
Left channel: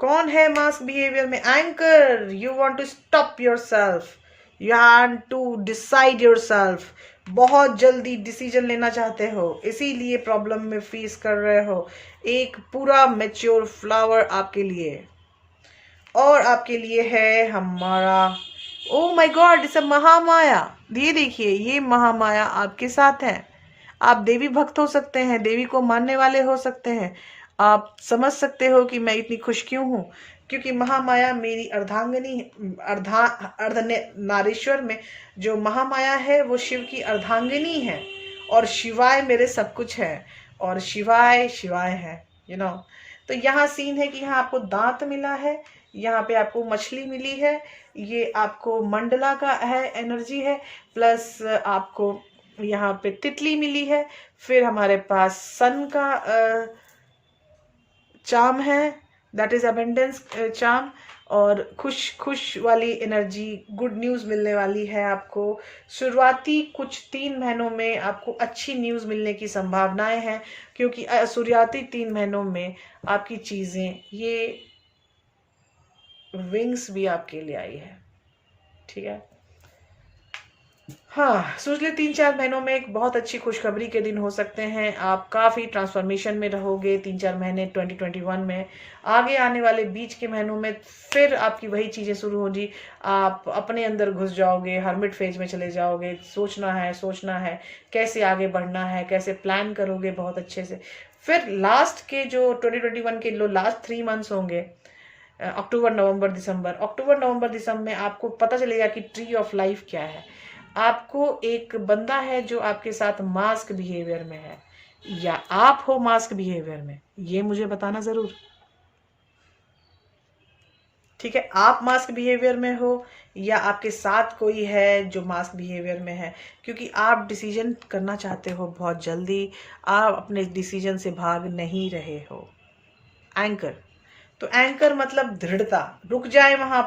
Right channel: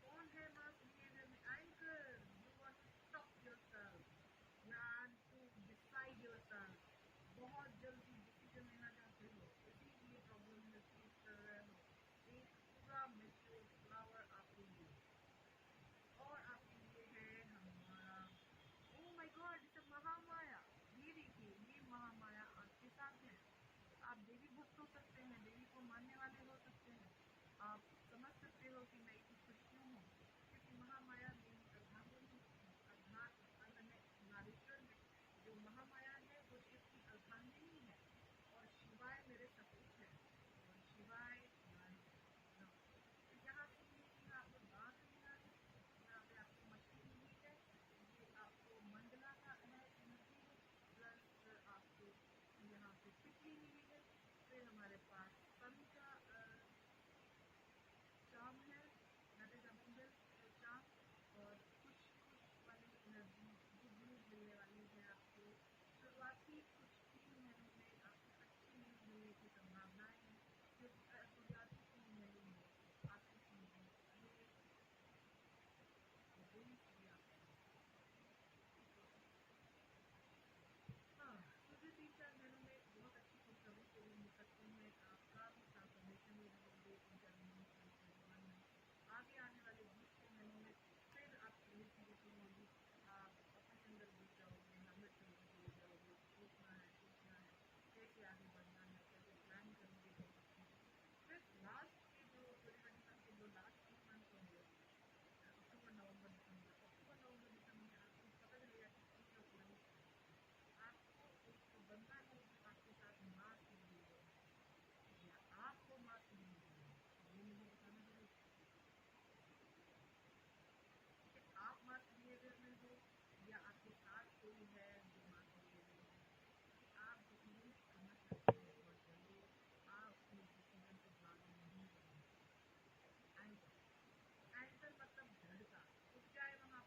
कौन है मास्क बिहेवियर में? Anchor, you want to stop yourself, you want to decide yourself. बहुत जल्दी decision लेना चाहते हो, इसीलिए प्रॉब्लम में फेस कर रहे हो। एक पूरा मैच्योर फ्लावर आपके लिए, और आपके लिए है हमारा, ओ my God, it's a Mahamaya. ये देखिए, ये महामाया आपके साथ है। आप देवी भक्त हो सकते हैं, देवी को मानने वाले हो सकते हैं। आप समझ सकते हो कि मैं इतनी खुश क्यों हूँ, क्योंकि महामाया मेरी अर्धांगिनी, अर्ध नारीश्वर में जो महामाया है वो शिव की अर्धांगिनी है, और शिवाय मेरे सब कुछ है, और शिवाय शिवाय है, यू नो। तो यहाँ सीन है कि यहाँ आपको दांत मिला है, यहाँ पे आपको मछली मिली है, ये आपको मंडला का है, एनर्जी है, प्लस आपको यहाँ पे तितली मिली है। फिर हमारे पास सन का चार्म है, दैट इज अबेंडेंस चार्म, और खुश वाली एनर्जी, गुड न्यूज़ मिलने वाली है आपको। शुरुआती कुछ 3 महीनों में आपको अच्छी न्यूज़ मिलने की संभावनाएं हैं, क्योंकि शुरुआती 3 महीनों में आपकी चीज़ें, ये विंग्स भी आपके लिए आई है, ठीक है। हाँ, सोच ले 3-4 महीनों में एक बहुत अच्छी खुशखबरी के दिन हो सकते हैं। आप काफ़ी ट्रांसफॉर्मेशन में रहोगे 3-4 महीने 2021 में। आगे आने वाले बीच के महीनों में फिर आपकी वही चीज़ें शुरू होंगी, आप अपने अंदर घुस जाओगे, हर्मिट फेज में चले जाओगे। सोचना है कैसे आगे बढ़ना है, कैसे प्लान करोगे बहुत अच्छे से। फिर लास्ट के जो 2021 के लास्ट 3 मंथ्स होंगे, अक्टूबर नवंबर दिसंबर में आपको पता चलेगा कि ट्री ऑफ लाइफ क्या है। आपको एक बंदा है जो आपके साथ मास्क बिहेवियर में है, या आप हो मास्क बिहेवियर में, ये मुझे बताना जरूर, ठीक है। आप मास्क बिहेवियर में हो या आपके साथ कोई है जो मास्क बिहेवियर में है, क्योंकि आप डिसीजन करना चाहते हो बहुत जल्दी, आप अपने डिसीजन से भाग नहीं रहे हो। एंकर, तो एंकर मतलब दृढ़ता, रुक जाए वहां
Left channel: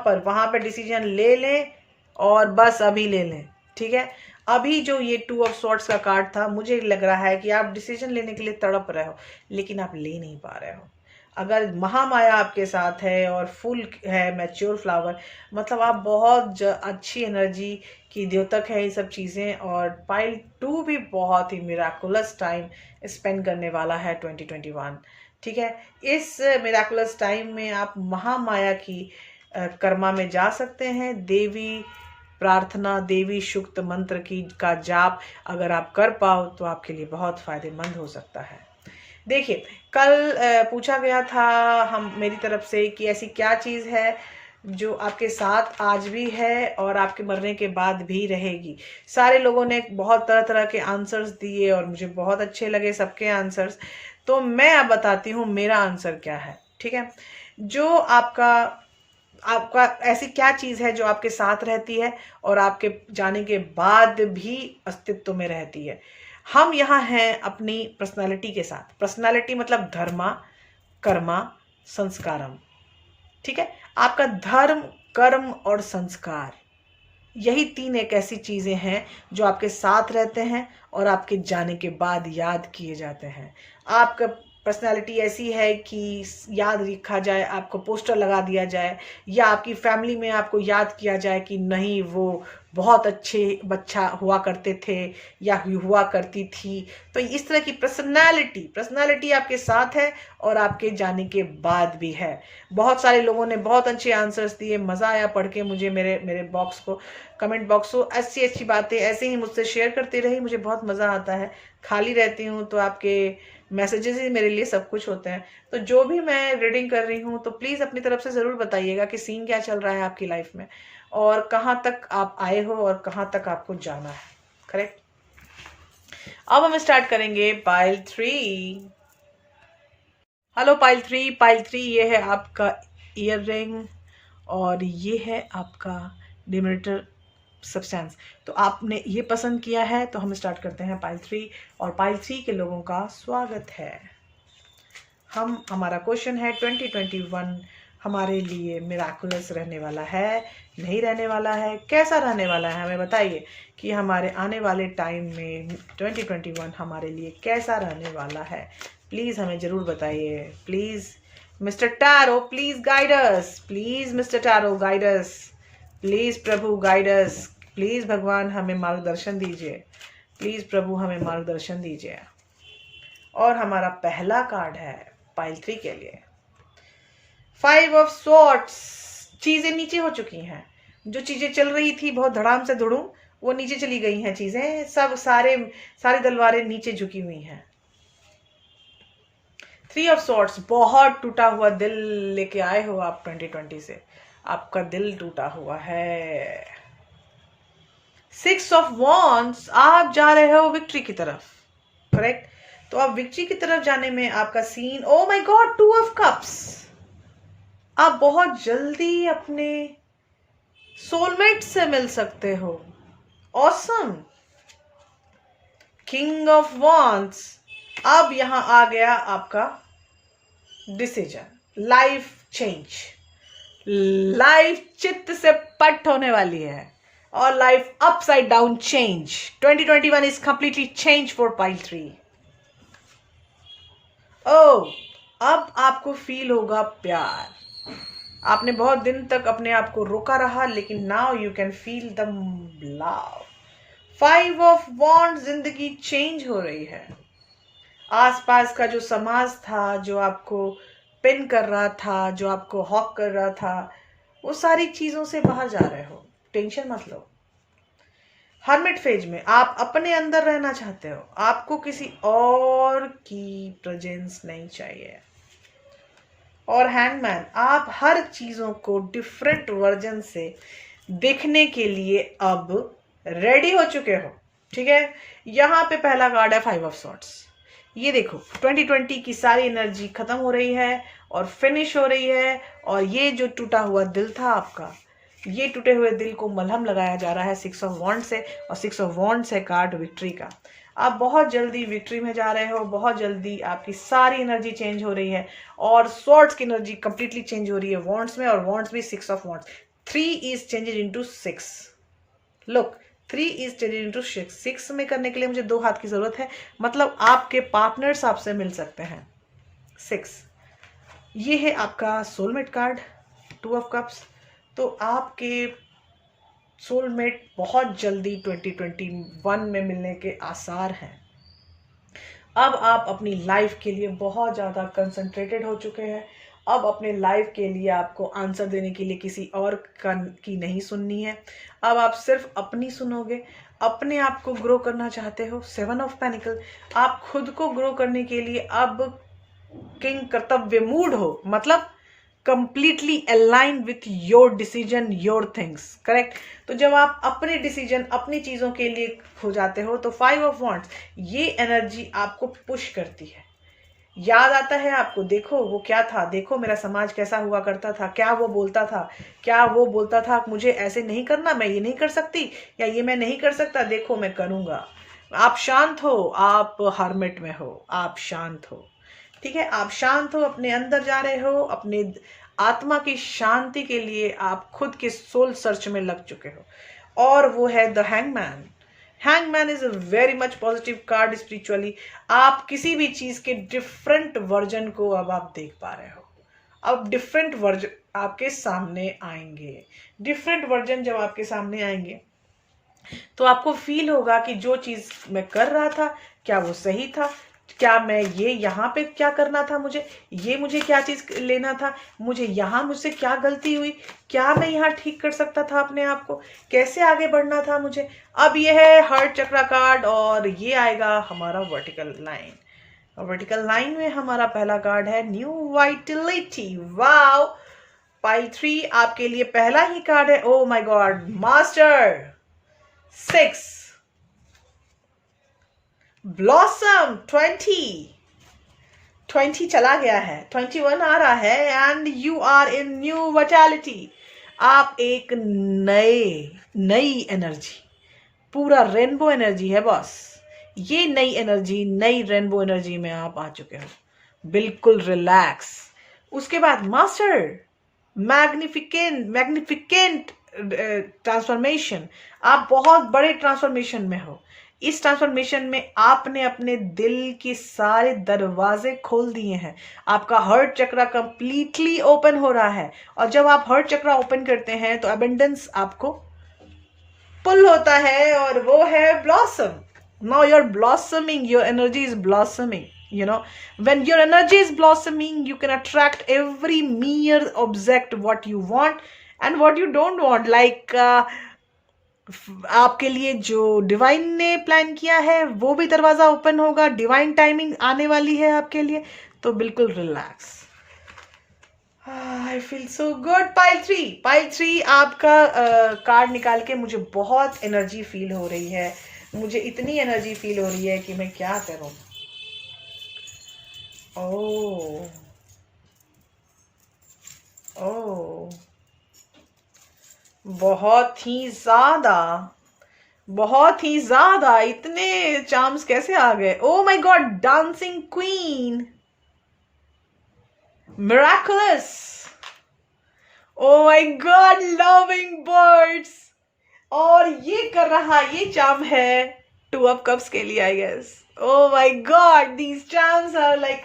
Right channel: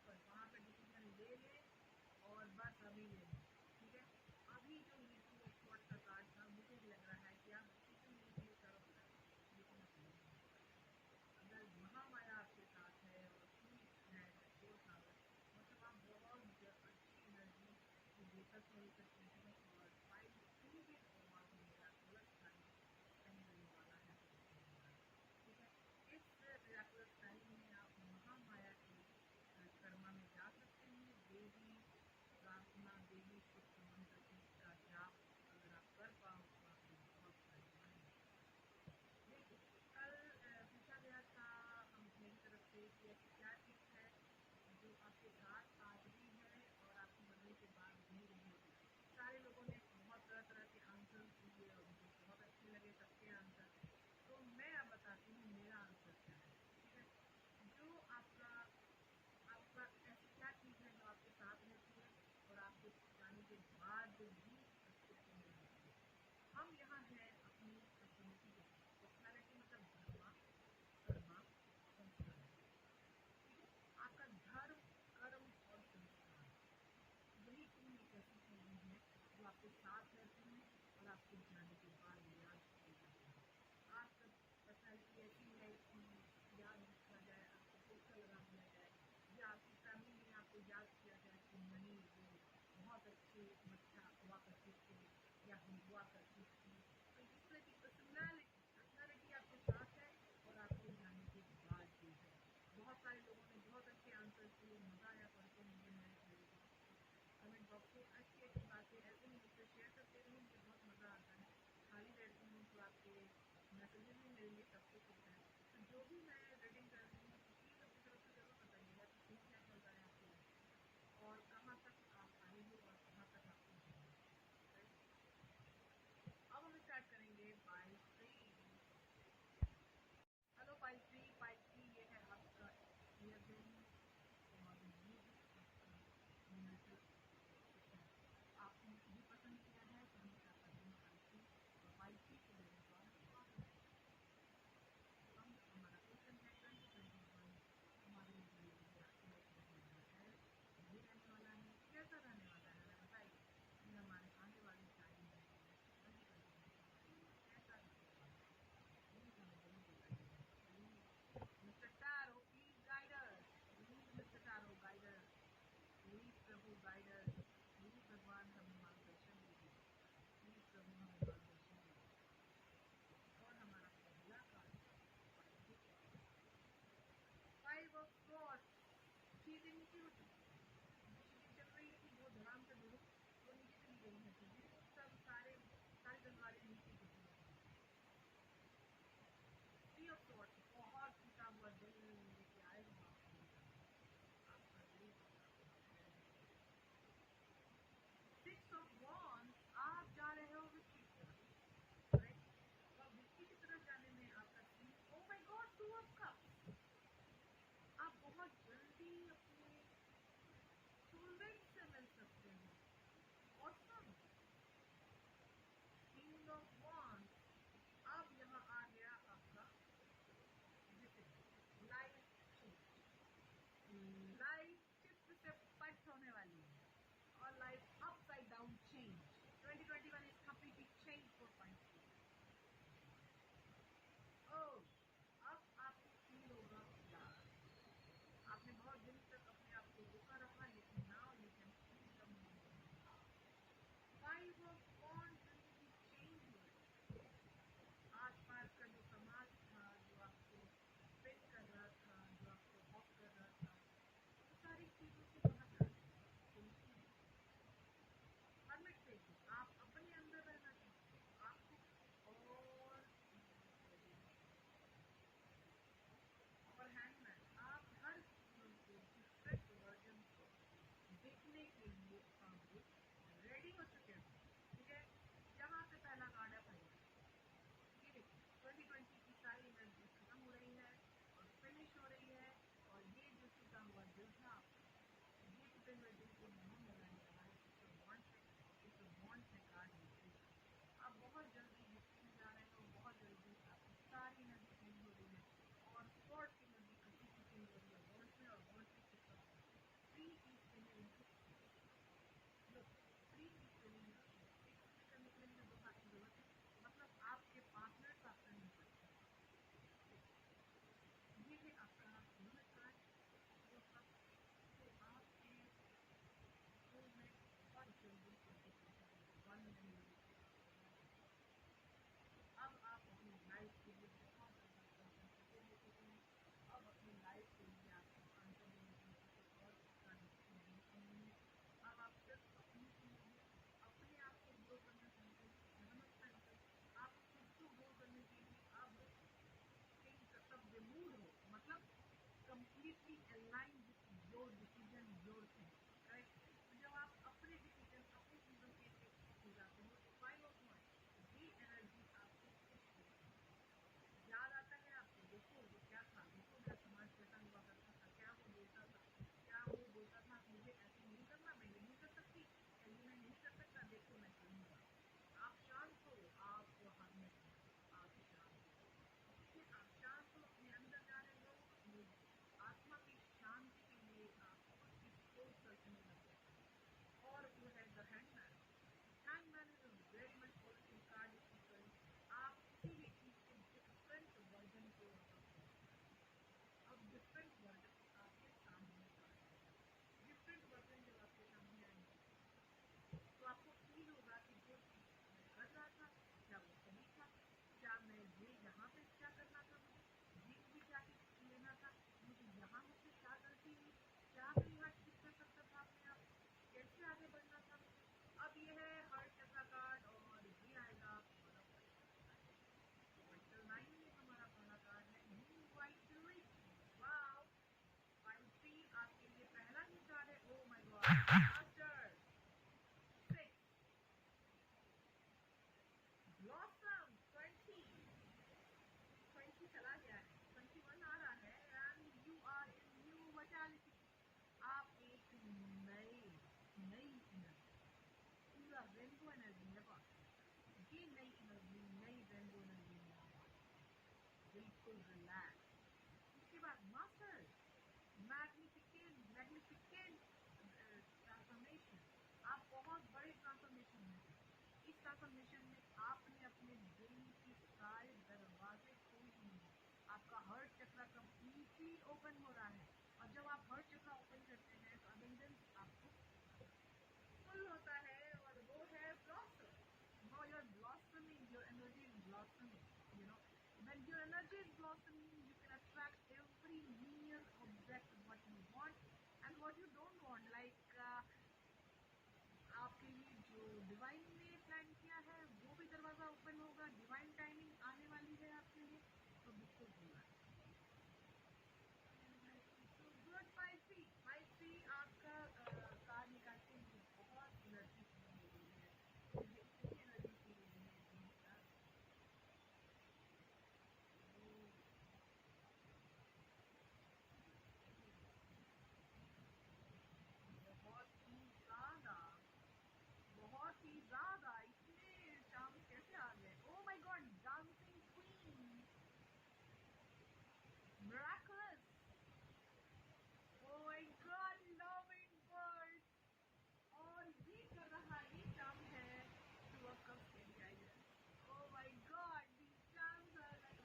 पर डिसीजन ले लें, और बस अभी ले लें, ठीक है। अभी जो ये 2 ऑफ स्वॉर्ड्स का कार्ड था, मुझे लग रहा है कि आप डिसीजन लेने के लिए तड़प रहे हो, लेकिन आप ले नहीं पा रहे हो। अगर महामाया आपके साथ है और फुल है मैच्योर फ्लावर, मतलब आप बहुत अच्छी एनर्जी की द्योतक है ये सब चीज़ें। और पाइल 2 भी बहुत ही मिराकुलस टाइम स्पेंड करने वाला है 2021, ठीक है। इस मिराकुलस टाइम में आप महामाया की कर्मा में जा सकते हैं। देवी प्रार्थना, देवी शुक्त मंत्र की का जाप अगर आप कर पाओ तो आपके लिए बहुत फायदेमंद हो सकता है। देखिए, कल पूछा गया था मेरी तरफ से कि ऐसी क्या चीज़ है जो आपके साथ आज भी है और आपके मरने के बाद भी रहेगी। सारे लोगों ने बहुत तरह तरह के आंसर्स दिए और मुझे बहुत अच्छे लगे सबके आंसर्स। तो मैं अब बताती हूँ मेरा आंसर क्या है, ठीक है। जो आपका आपका ऐसी क्या चीज़ है जो आपके साथ रहती है और आपके जाने के बाद भी अस्तित्व में रहती है। हम यहाँ हैं अपनी पर्सनालिटी के साथ। पर्सनालिटी मतलब धर्मा, कर्मा, संस्कारम, ठीक है। आपका धर्म, कर्म और संस्कार, यही तीन एक ऐसी चीजें हैं जो आपके साथ रहते हैं और आपके जाने के बाद याद किए जाते हैं। आपका पर्सनालिटी ऐसी है कि याद रखा जाए, आपको पोस्टर लगा दिया जाए, या आपकी फैमिली में आपको याद किया जाए कि नहीं वो बहुत अच्छे बच्चा हुआ करते थे या हुआ करती थी। तो इस तरह की पर्सनालिटी आपके साथ है और आपके जाने के बाद भी है। बहुत सारे लोगों ने बहुत अच्छे आंसर्स दिए, मज़ा आया पढ़ के मुझे। मेरे बॉक्स को, कमेंट बॉक्स को अच्छी अच्छी बातें ऐसे ही मुझसे शेयर करती रही, मुझे बहुत मज़ा आता है। खाली रहती हूँ तो आपके मैसेजेस ही मेरे लिए सब कुछ होते हैं। तो जो भी मैं रीडिंग कर रही हूँ तो प्लीज़ अपनी तरफ से ज़रूर बताइएगा कि सीन क्या चल रहा है आपकी लाइफ में और कहाँ तक आप आए हो और कहाँ तक आपको जाना है। करेक्ट। अब हम स्टार्ट करेंगे पाइल 3। Hello pile 3। पाइल 3 ये है आपका ईयर रिंग और ये है आपका डिमिनेटर सब्सटेंस। तो आपने ये पसंद किया है तो हम स्टार्ट करते हैं पाइल 3। और पाइल 3 के लोगों का स्वागत है। हमारा क्वेश्चन है 2021 हमारे लिए मिराकुलस रहने वाला है, नहीं रहने वाला है, कैसा रहने वाला है? हमें बताइए कि हमारे आने वाले टाइम में 2021 हमारे लिए कैसा रहने वाला है। प्लीज़ हमें ज़रूर बताइए। Please mister tarot please guide us. Please mister tarot guide us. Please Prabhu guide us. Please भगवान हमें मार्गदर्शन दीजिए। प्लीज़ प्रभु हमें मार्गदर्शन दीजिए। और हमारा पहला कार्ड है पाइल 3 के लिए 5 ऑफ स्वॉर्ड्स। चीज़ें नीचे हो चुकी हैं। जो चीज़ें चल रही थी बहुत धड़ाम से धुड़ूम, वो नीचे चली गई हैं। चीज़ें सब सारी तलवारें नीचे झुकी हुई हैं। 3 ऑफ स्वॉर्ड्स, बहुत टूटा हुआ दिल लेके आए हो आप 2020 से। आपका दिल टूटा हुआ है। 6 ऑफ वॉन्ड्स, आप जा रहे हो विक्ट्री की तरफ। करेक्ट। तो आप विक्ट्री की तरफ जाने में आपका scene, oh my god, 2 of cups. आप बहुत जल्दी अपने सोलमेट से मिल सकते हो। ऑसम। किंग ऑफ वॉन्ड्स, अब यहां आ गया आपका डिसीजन, लाइफ चेंज। लाइफ चित्त से पट होने वाली है और life upside down change. 2021 is completely change for pile 3। ओह, अब आपको फील होगा प्यार। आपने बहुत दिन तक अपने आप को रोका रहा, लेकिन now you can feel the love. 5 of wands, जिंदगी चेंज हो रही है। आसपास का जो समाज था, जो आपको पिन कर रहा था, जो आपको हॉक कर रहा था, वो सारी चीजों से बाहर जा रहे हो। टेंशन मत लो। हर्मिट फेज में आप अपने अंदर रहना चाहते हो, आपको किसी और की प्रेजेंस नहीं चाहिए। और हैंगमैन, आप हर चीजों को डिफरेंट वर्जन से देखने के लिए अब रेडी हो चुके हो। ठीक है। यहाँ पे पहला कार्ड है 5 ऑफ सॉर्ड्स। ये देखो 2020 की सारी एनर्जी खत्म हो रही है और फिनिश हो रही है। और ये जो टूटा हुआ दिल था आपका, ये टूटे हुए दिल को मलहम लगाया जा रहा है 6 ऑफ वॉन्ड से। और 6 ऑफ वॉन्ड है कार्ड विक्ट्री का। आप बहुत जल्दी विक्ट्री में जा रहे हो, बहुत जल्दी आपकी सारी एनर्जी चेंज हो रही है और स्वॉर्ड्स की एनर्जी कंप्लीटली चेंज हो रही है वॉन्ड्स में। और वॉन्ड्स भी 6 of wands. 3 is changed into 6। Look, 3 is changed into 6। 6 में करने के लिए मुझे 2 हाथ की जरूरत है, मतलब आपके पार्टनर्स आपसे मिल सकते हैं। 6, ये है आपका सोलमेट कार्ड 2 ऑफ कप्स। तो आपके सोलमेट बहुत जल्दी 2021 में मिलने के आसार हैं। अब आप अपनी लाइफ के लिए बहुत ज़्यादा कंसंट्रेटेड हो चुके हैं। अब अपने लाइफ के लिए आपको आंसर देने के लिए किसी और की नहीं सुननी है। अब आप सिर्फ अपनी सुनोगे। अपने आप को ग्रो करना चाहते हो। 7 ऑफ पेनिकल, आप खुद को ग्रो करने के लिए अब किंग कर्तव्य मूड हो, मतलब completely align with your decision, your things, correct. तो जब आप अपने डिसीजन, अपनी चीज़ों के लिए हो जाते हो, तो 5 ऑफ वांड्स ये एनर्जी आपको पुश करती है। याद आता है आपको, देखो वो क्या था, देखो मेरा समाज कैसा हुआ करता था, क्या वो बोलता था, क्या वो बोलता था मुझे ऐसे नहीं करना, मैं ये नहीं कर सकती, या ये मैं नहीं कर सकता, देखो मैं करूँगा। आप शांत हो, आप हर्मिट में हो, आप शांत हो, ठीक है, आप शांत हो, अपने अंदर जा रहे हो, अपने आत्मा की शांति के लिए आप खुद के सोल सर्च में लग चुके हो। और वो है the hangman. Hangman is a very much positive card spiritually. आप किसी भी चीज के डिफरेंट वर्जन को अब आप देख पा रहे हो। अब डिफरेंट वर्जन आपके सामने आएंगे। डिफरेंट वर्जन जब आपके सामने आएंगे तो आपको फील होगा कि जो चीज मैं कर रहा था क्या वो सही था, क्या मैं ये यहाँ पे क्या करना था, मुझे क्या चीज लेना था, मुझे यहाँ मुझसे क्या गलती हुई, क्या मैं यहाँ ठीक कर सकता था अपने आप को, कैसे आगे बढ़ना था मुझे। अब ये है हार्ट चक्रा कार्ड और ये आएगा हमारा वर्टिकल लाइन। और वर्टिकल लाइन में हमारा पहला कार्ड है न्यू वाइटलिटी। वाओ, पाइल 3 आपके लिए पहला ही कार्ड है। Oh my god, master 6 blossom 20 चला गया है, 21 आ रहा है, and you are in new vitality. आप एक नई एनर्जी, पूरा रेनबो एनर्जी है बॉस। ये नई एनर्जी, नई रेनबो एनर्जी में आप आ चुके हो, बिल्कुल रिलैक्स। उसके बाद मास्टर मैग्निफिकेंट ट्रांसफॉर्मेशन। आप बहुत बड़े ट्रांसफॉर्मेशन में हो। इस ट्रांसफॉर्मेशन में आपने अपने दिल के सारे दरवाजे खोल दिए हैं। आपका हार्ट चक्रा कंप्लीटली ओपन हो रहा है, और जब आप हार्ट चक्रा ओपन करते हैं तो अबंडेंस आपको पुल होता है, और वो है blossom. Now you are blossoming, your energy is blossoming, you know, when your energy is blossoming you can attract every mere object what you want and what you don't want, like आपके लिए जो divine ने plan किया है वो भी दरवाजा open होगा, डिवाइन टाइमिंग आने वाली है आपके लिए, तो बिल्कुल relax. I feel so good. Pile three आपका कार्ड निकाल के मुझे बहुत एनर्जी फील हो रही है, मुझे इतनी एनर्जी फील हो रही है कि मैं क्या करूं। ओह ओह, बहुत ही ज्यादा इतने चार्म्स कैसे आ गए। ओ my God, dancing queen, miraculous, O my God, loving birds. और ये कर रहा, ये चार्म है 2 ऑफ कप्स के लिए I guess. Oh my god, these charms are like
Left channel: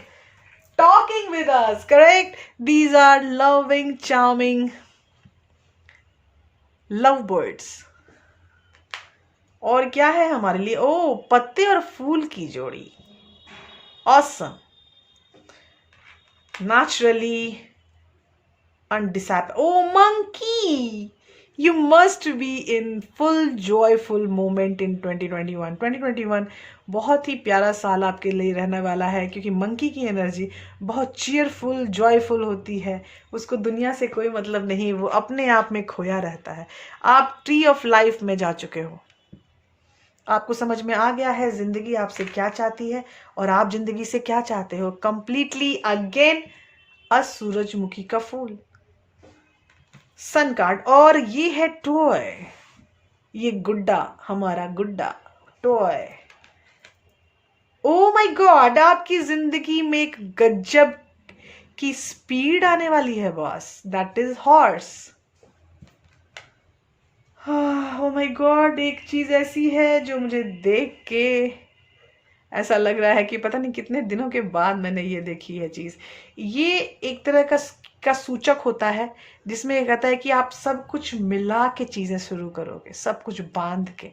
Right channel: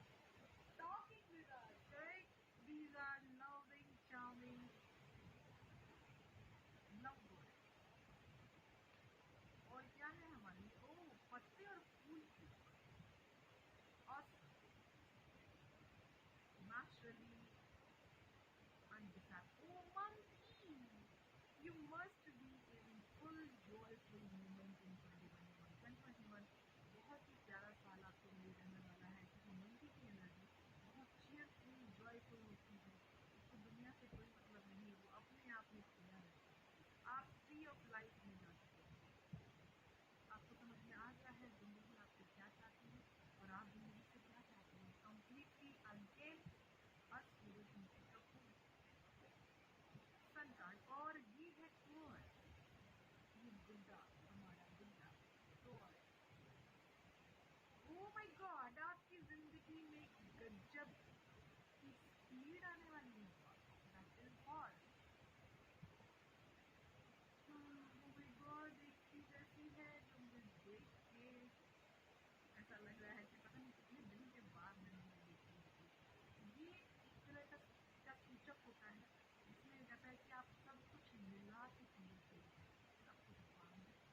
talking with us, correct? These are loving, charming lovebirds. और क्या है हमारे लिए? ओ, पत्ते और फूल की जोड़ी। Awesome. Naturally undisap. Oh, monkey! You must be in full joyful moment in 2021. 2021 बहुत ही प्यारा साल आपके लिए रहने वाला है, क्योंकि मंकी की एनर्जी बहुत चीयरफुल, जॉयफुल होती है। उसको दुनिया से कोई मतलब नहीं, वो अपने आप में खोया रहता है। आप ट्री ऑफ लाइफ में जा चुके हो, आपको समझ में आ गया है जिंदगी आपसे क्या चाहती है और आप जिंदगी से क्या चाहते हो। कंप्लीटली अगेन अ सूरजमुखी का फूल, सन कार्ड, और ये है टॉय, ये गुड्डा, हमारा गुड्डा टॉय। ओ माय गॉड, आपकी जिंदगी में एक गजब की स्पीड आने वाली है boss, that is horse. O my God, एक चीज ऐसी है जो मुझे देख के ऐसा लग रहा है कि पता नहीं कितने दिनों के बाद मैंने ये देखी है चीज। ये एक तरह का सूचक होता है जिसमें ये कहता है कि आप सब कुछ मिला के चीजें शुरू करोगे, सब कुछ बांध के,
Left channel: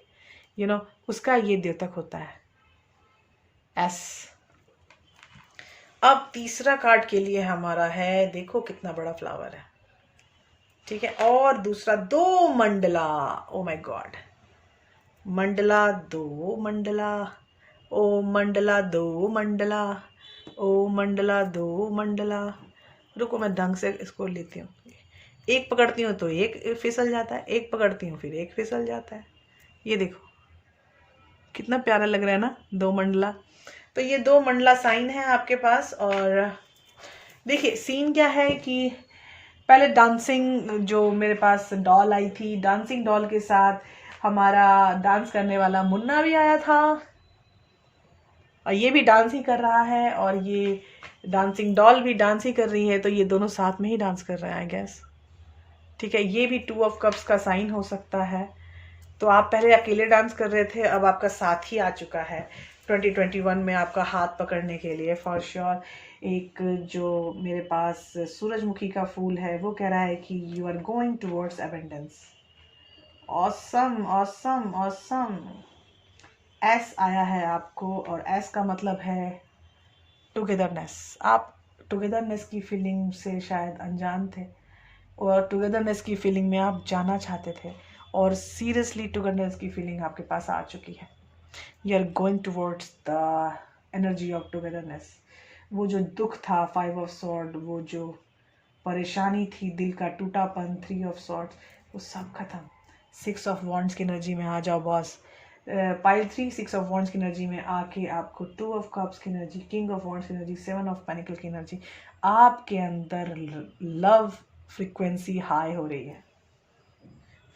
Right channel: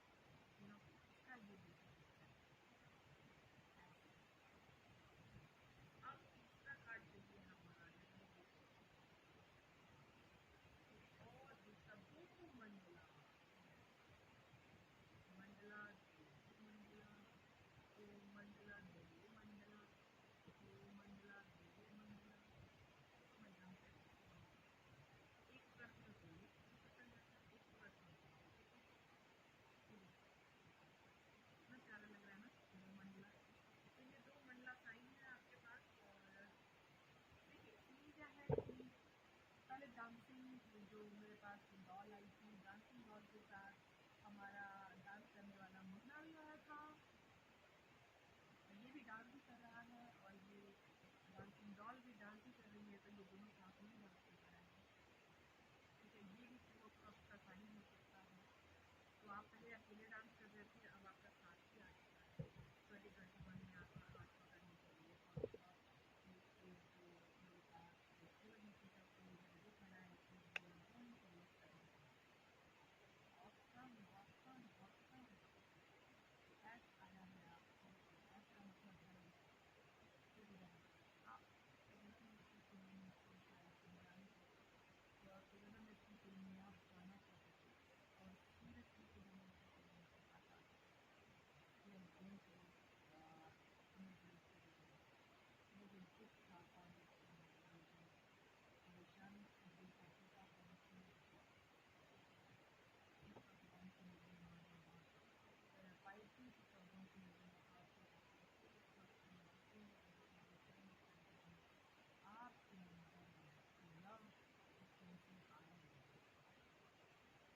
उसका ये द्योतक होता है एस। अब तीसरा कार्ड के लिए हमारा है, देखो कितना बड़ा फ्लावर है, ठीक है, और दूसरा 2 mandala. Oh my God, mandala 2 mandala, oh mandala 2 mandala, oh mandala 2 mandala, रुको मैं ढंग से इसको लेती हूँ। एक पकड़ती हूँ तो एक फिसल जाता है, एक पकड़ती हूँ फिर एक फिसल जाता है। ये देखो कितना प्यारा लग रहा है ना, 2 मंडला। तो ये 2 मंडला साइन है आपके पास। और देखिए सीन क्या है कि पहले डांसिंग जो मेरे पास डॉल आई थी, डांसिंग डॉल के साथ हमारा डांस करने वाला मुन्ना भी आया था, और ये भी डांस ही कर रहा है, और ये डांसिंग डॉल भी डांस ही कर रही है। तो ये दोनों साथ में ही डांस कर रहे हैं आई गेस। ठीक है, ये भी 2 ऑफ कप्स का साइन हो सकता है। तो आप पहले अकेले डांस कर रहे थे, अब आपका साथ ही आ चुका है 2021 में आपका हाथ पकड़ने के लिए फॉर श्योर। एक जो मेरे पास सूरजमुखी का फूल है वो कह रहा है कि you are going towards abundance. Awesome awesome awesome. Ace आया है आपको, और एस का मतलब है टुगेदरनेस। आप टुगेदरनेस की फीलिंग से शायद अनजान थे, और टुगेदरनेस की फीलिंग में आप जाना चाहते थे, और सीरियसली टुगेदरनेस की फीलिंग आपके पास आ चुकी है। You are going towards the energy of togetherness. वो जो दुख था 5 ऑफ सॉर्ड, वो जो परेशानी थी, दिल का टूटापन 3 ऑफ सॉर्ड्स, वो सब खत्म। 6 ऑफ वॉन्ड्स की एनर्जी में आ जाओ बॉस। पाइल 3 6 ऑफ वॉन्ड्स की एनर्जी में आके आपको 2 ऑफ कप्स की एनर्जी, किंग ऑफ वॉन्ड्स की एनर्जी, 7 ऑफ पेनिकल की एनर्जी, आपके अंदर लव फ्रीक्वेंसी हाई हो रही है।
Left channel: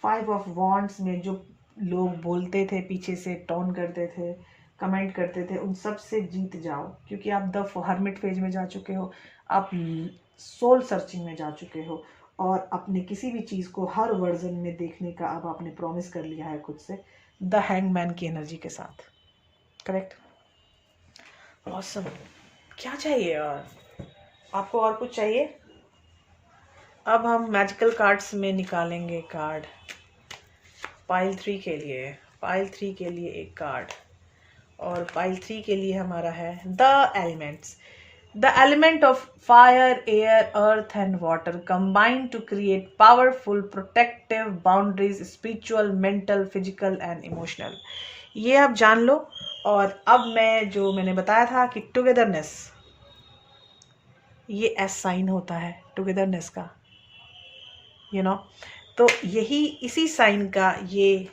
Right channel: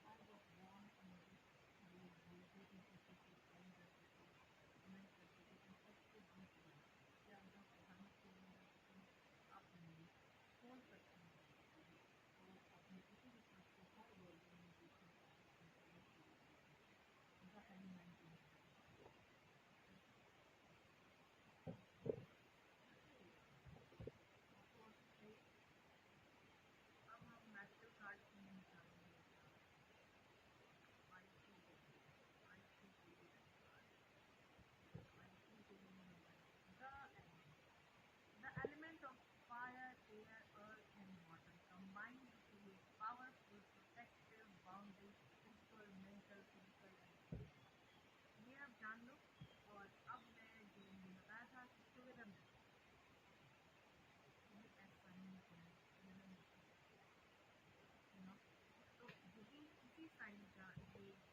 5 ऑफ वॉन्ड्स में जो लोग बोलते थे, पीछे से टोन करते थे, कमेंट करते थे, उन सब से जीत जाओ, क्योंकि आप द हर्मिट फेज में जा चुके हो, आप सोल सर्चिंग में जा चुके हो, और अपने किसी भी चीज़ को हर वर्जन में देखने का अब आपने प्रॉमिस कर लिया है खुद से, द हैंगमैन की एनर्जी के साथ। Correct, awesome. क्या चाहिए और आपको, और कुछ चाहिए? अब हम मैजिकल कार्ड्स में निकालेंगे कार्ड पाइल 3 के लिए। पाइल 3 के लिए एक कार्ड, और पाइल 3 के लिए हमारा है the elements. The element of fire, air, earth and water combine to create powerful protective boundaries, spiritual, mental, physical and emotional. ये आप जान लो। और अब मैं जो मैंने बताया था कि टुगेदरनेस, ये एस साइन होता है टुगेदरनेस का, यू नो। तो यही इसी साइन का ये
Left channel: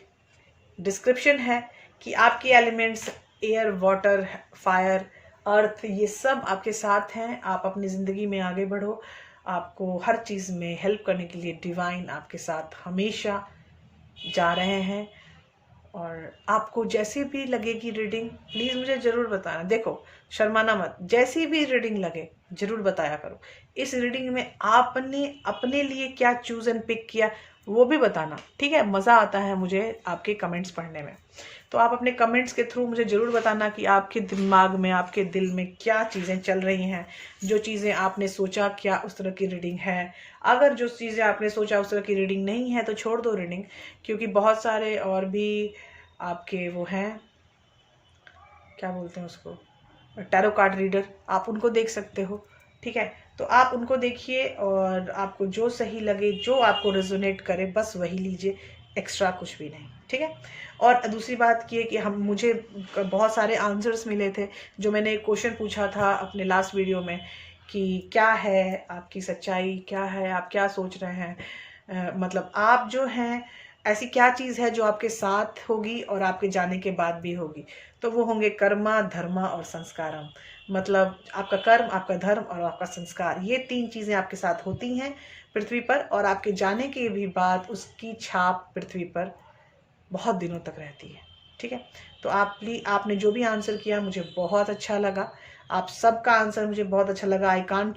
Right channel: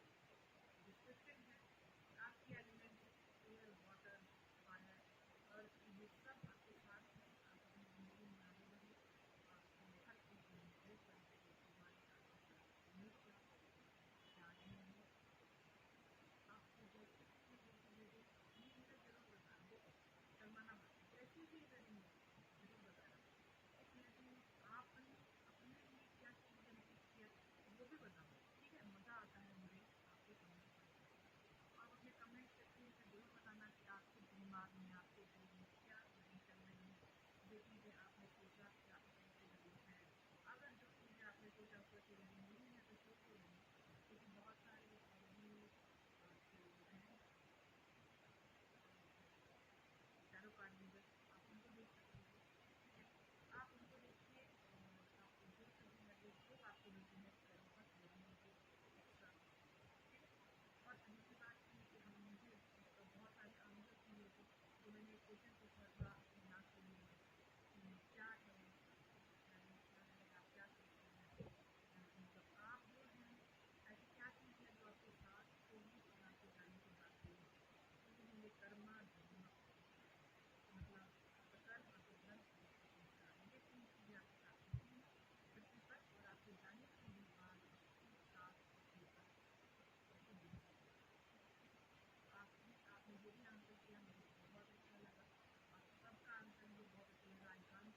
डिस्क्रिप्शन है कि आपके एलिमेंट्स एयर, वाटर, फायर, अर्थ, ये सब आपके साथ हैं। आप अपनी ज़िंदगी में आगे बढ़ो, आपको हर चीज़ में हेल्प करने के लिए डिवाइन आपके साथ हमेशा जा रहे हैं। और आपको जैसी भी लगेगी रीडिंग, प्लीज़ मुझे ज़रूर बताना। देखो शर्माना मत, जैसी भी रीडिंग लगे ज़रूर बताया करो। इस रीडिंग में आपने अपने लिए क्या चूज़ एंड पिक किया वो भी बताना, ठीक है? मज़ा आता है मुझे आपके कमेंट्स पढ़ने में। तो आप अपने कमेंट्स के थ्रू मुझे ज़रूर बताना कि आपके दिमाग में, आपके दिल में क्या चीज़ें चल रही हैं, जो चीज़ें आपने सोचा क्या उस तरह की रीडिंग है। अगर जो चीज़ें आपने सोचा उस तरह की रीडिंग नहीं है तो छोड़ दो रीडिंग, क्योंकि बहुत सारे और भी आपके वो हैं, क्या बोलते हैं उसको, टैरो कार्ड रीडर, आप उनको देख सकते हो, ठीक है? तो आप उनको देखिए, और आपको जो सही लगे, जो आपको रेजोनेट करे, बस वही लीजिए, एक्स्ट्रा कुछ भी नहीं, ठीक है? और दूसरी बात ये कि मुझे बहुत सारे आंसर्स मिले थे, जो मैंने एक क्वेश्चन पूछा था अपने लास्ट वीडियो में कि क्या है आपकी सच्चाई, क्या है, आप क्या सोच रहे हैं, मतलब आप जो हैं ऐसी क्या चीज़ है जो आपके साथ होगी और आपके जाने के बाद भी होगी। तो वो होंगे कर्मा, धर्मा और संस्कारम। मतलब आपका कर्म, आपका धर्म और आपका संस्कार, ये 3 चीज़ें आपके साथ होती हैं पृथ्वी पर, और आपके जाने के भी बाद उसकी छाप पृथ्वी पर बहुत दिनों तक रहती है, ठीक है? तो आपने जो भी आंसर किया मुझे बहुत अच्छा लगा। आप सबका आंसर मुझे बहुत अच्छा लगा। I can't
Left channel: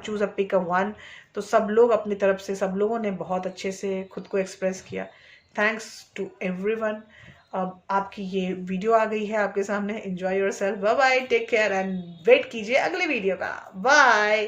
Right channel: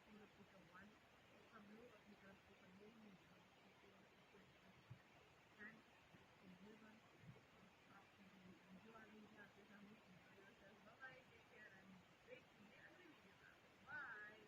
choose a pick a one. तो सब लोग अपनी तरफ से, सब लोगों ने बहुत अच्छे से खुद को एक्सप्रेस किया। Thanks to everyone. अब आपकी ये वीडियो आ गई है आपके सामने। Enjoy yourself. Bye bye, take care and wait कीजिए अगले वीडियो का। बाय।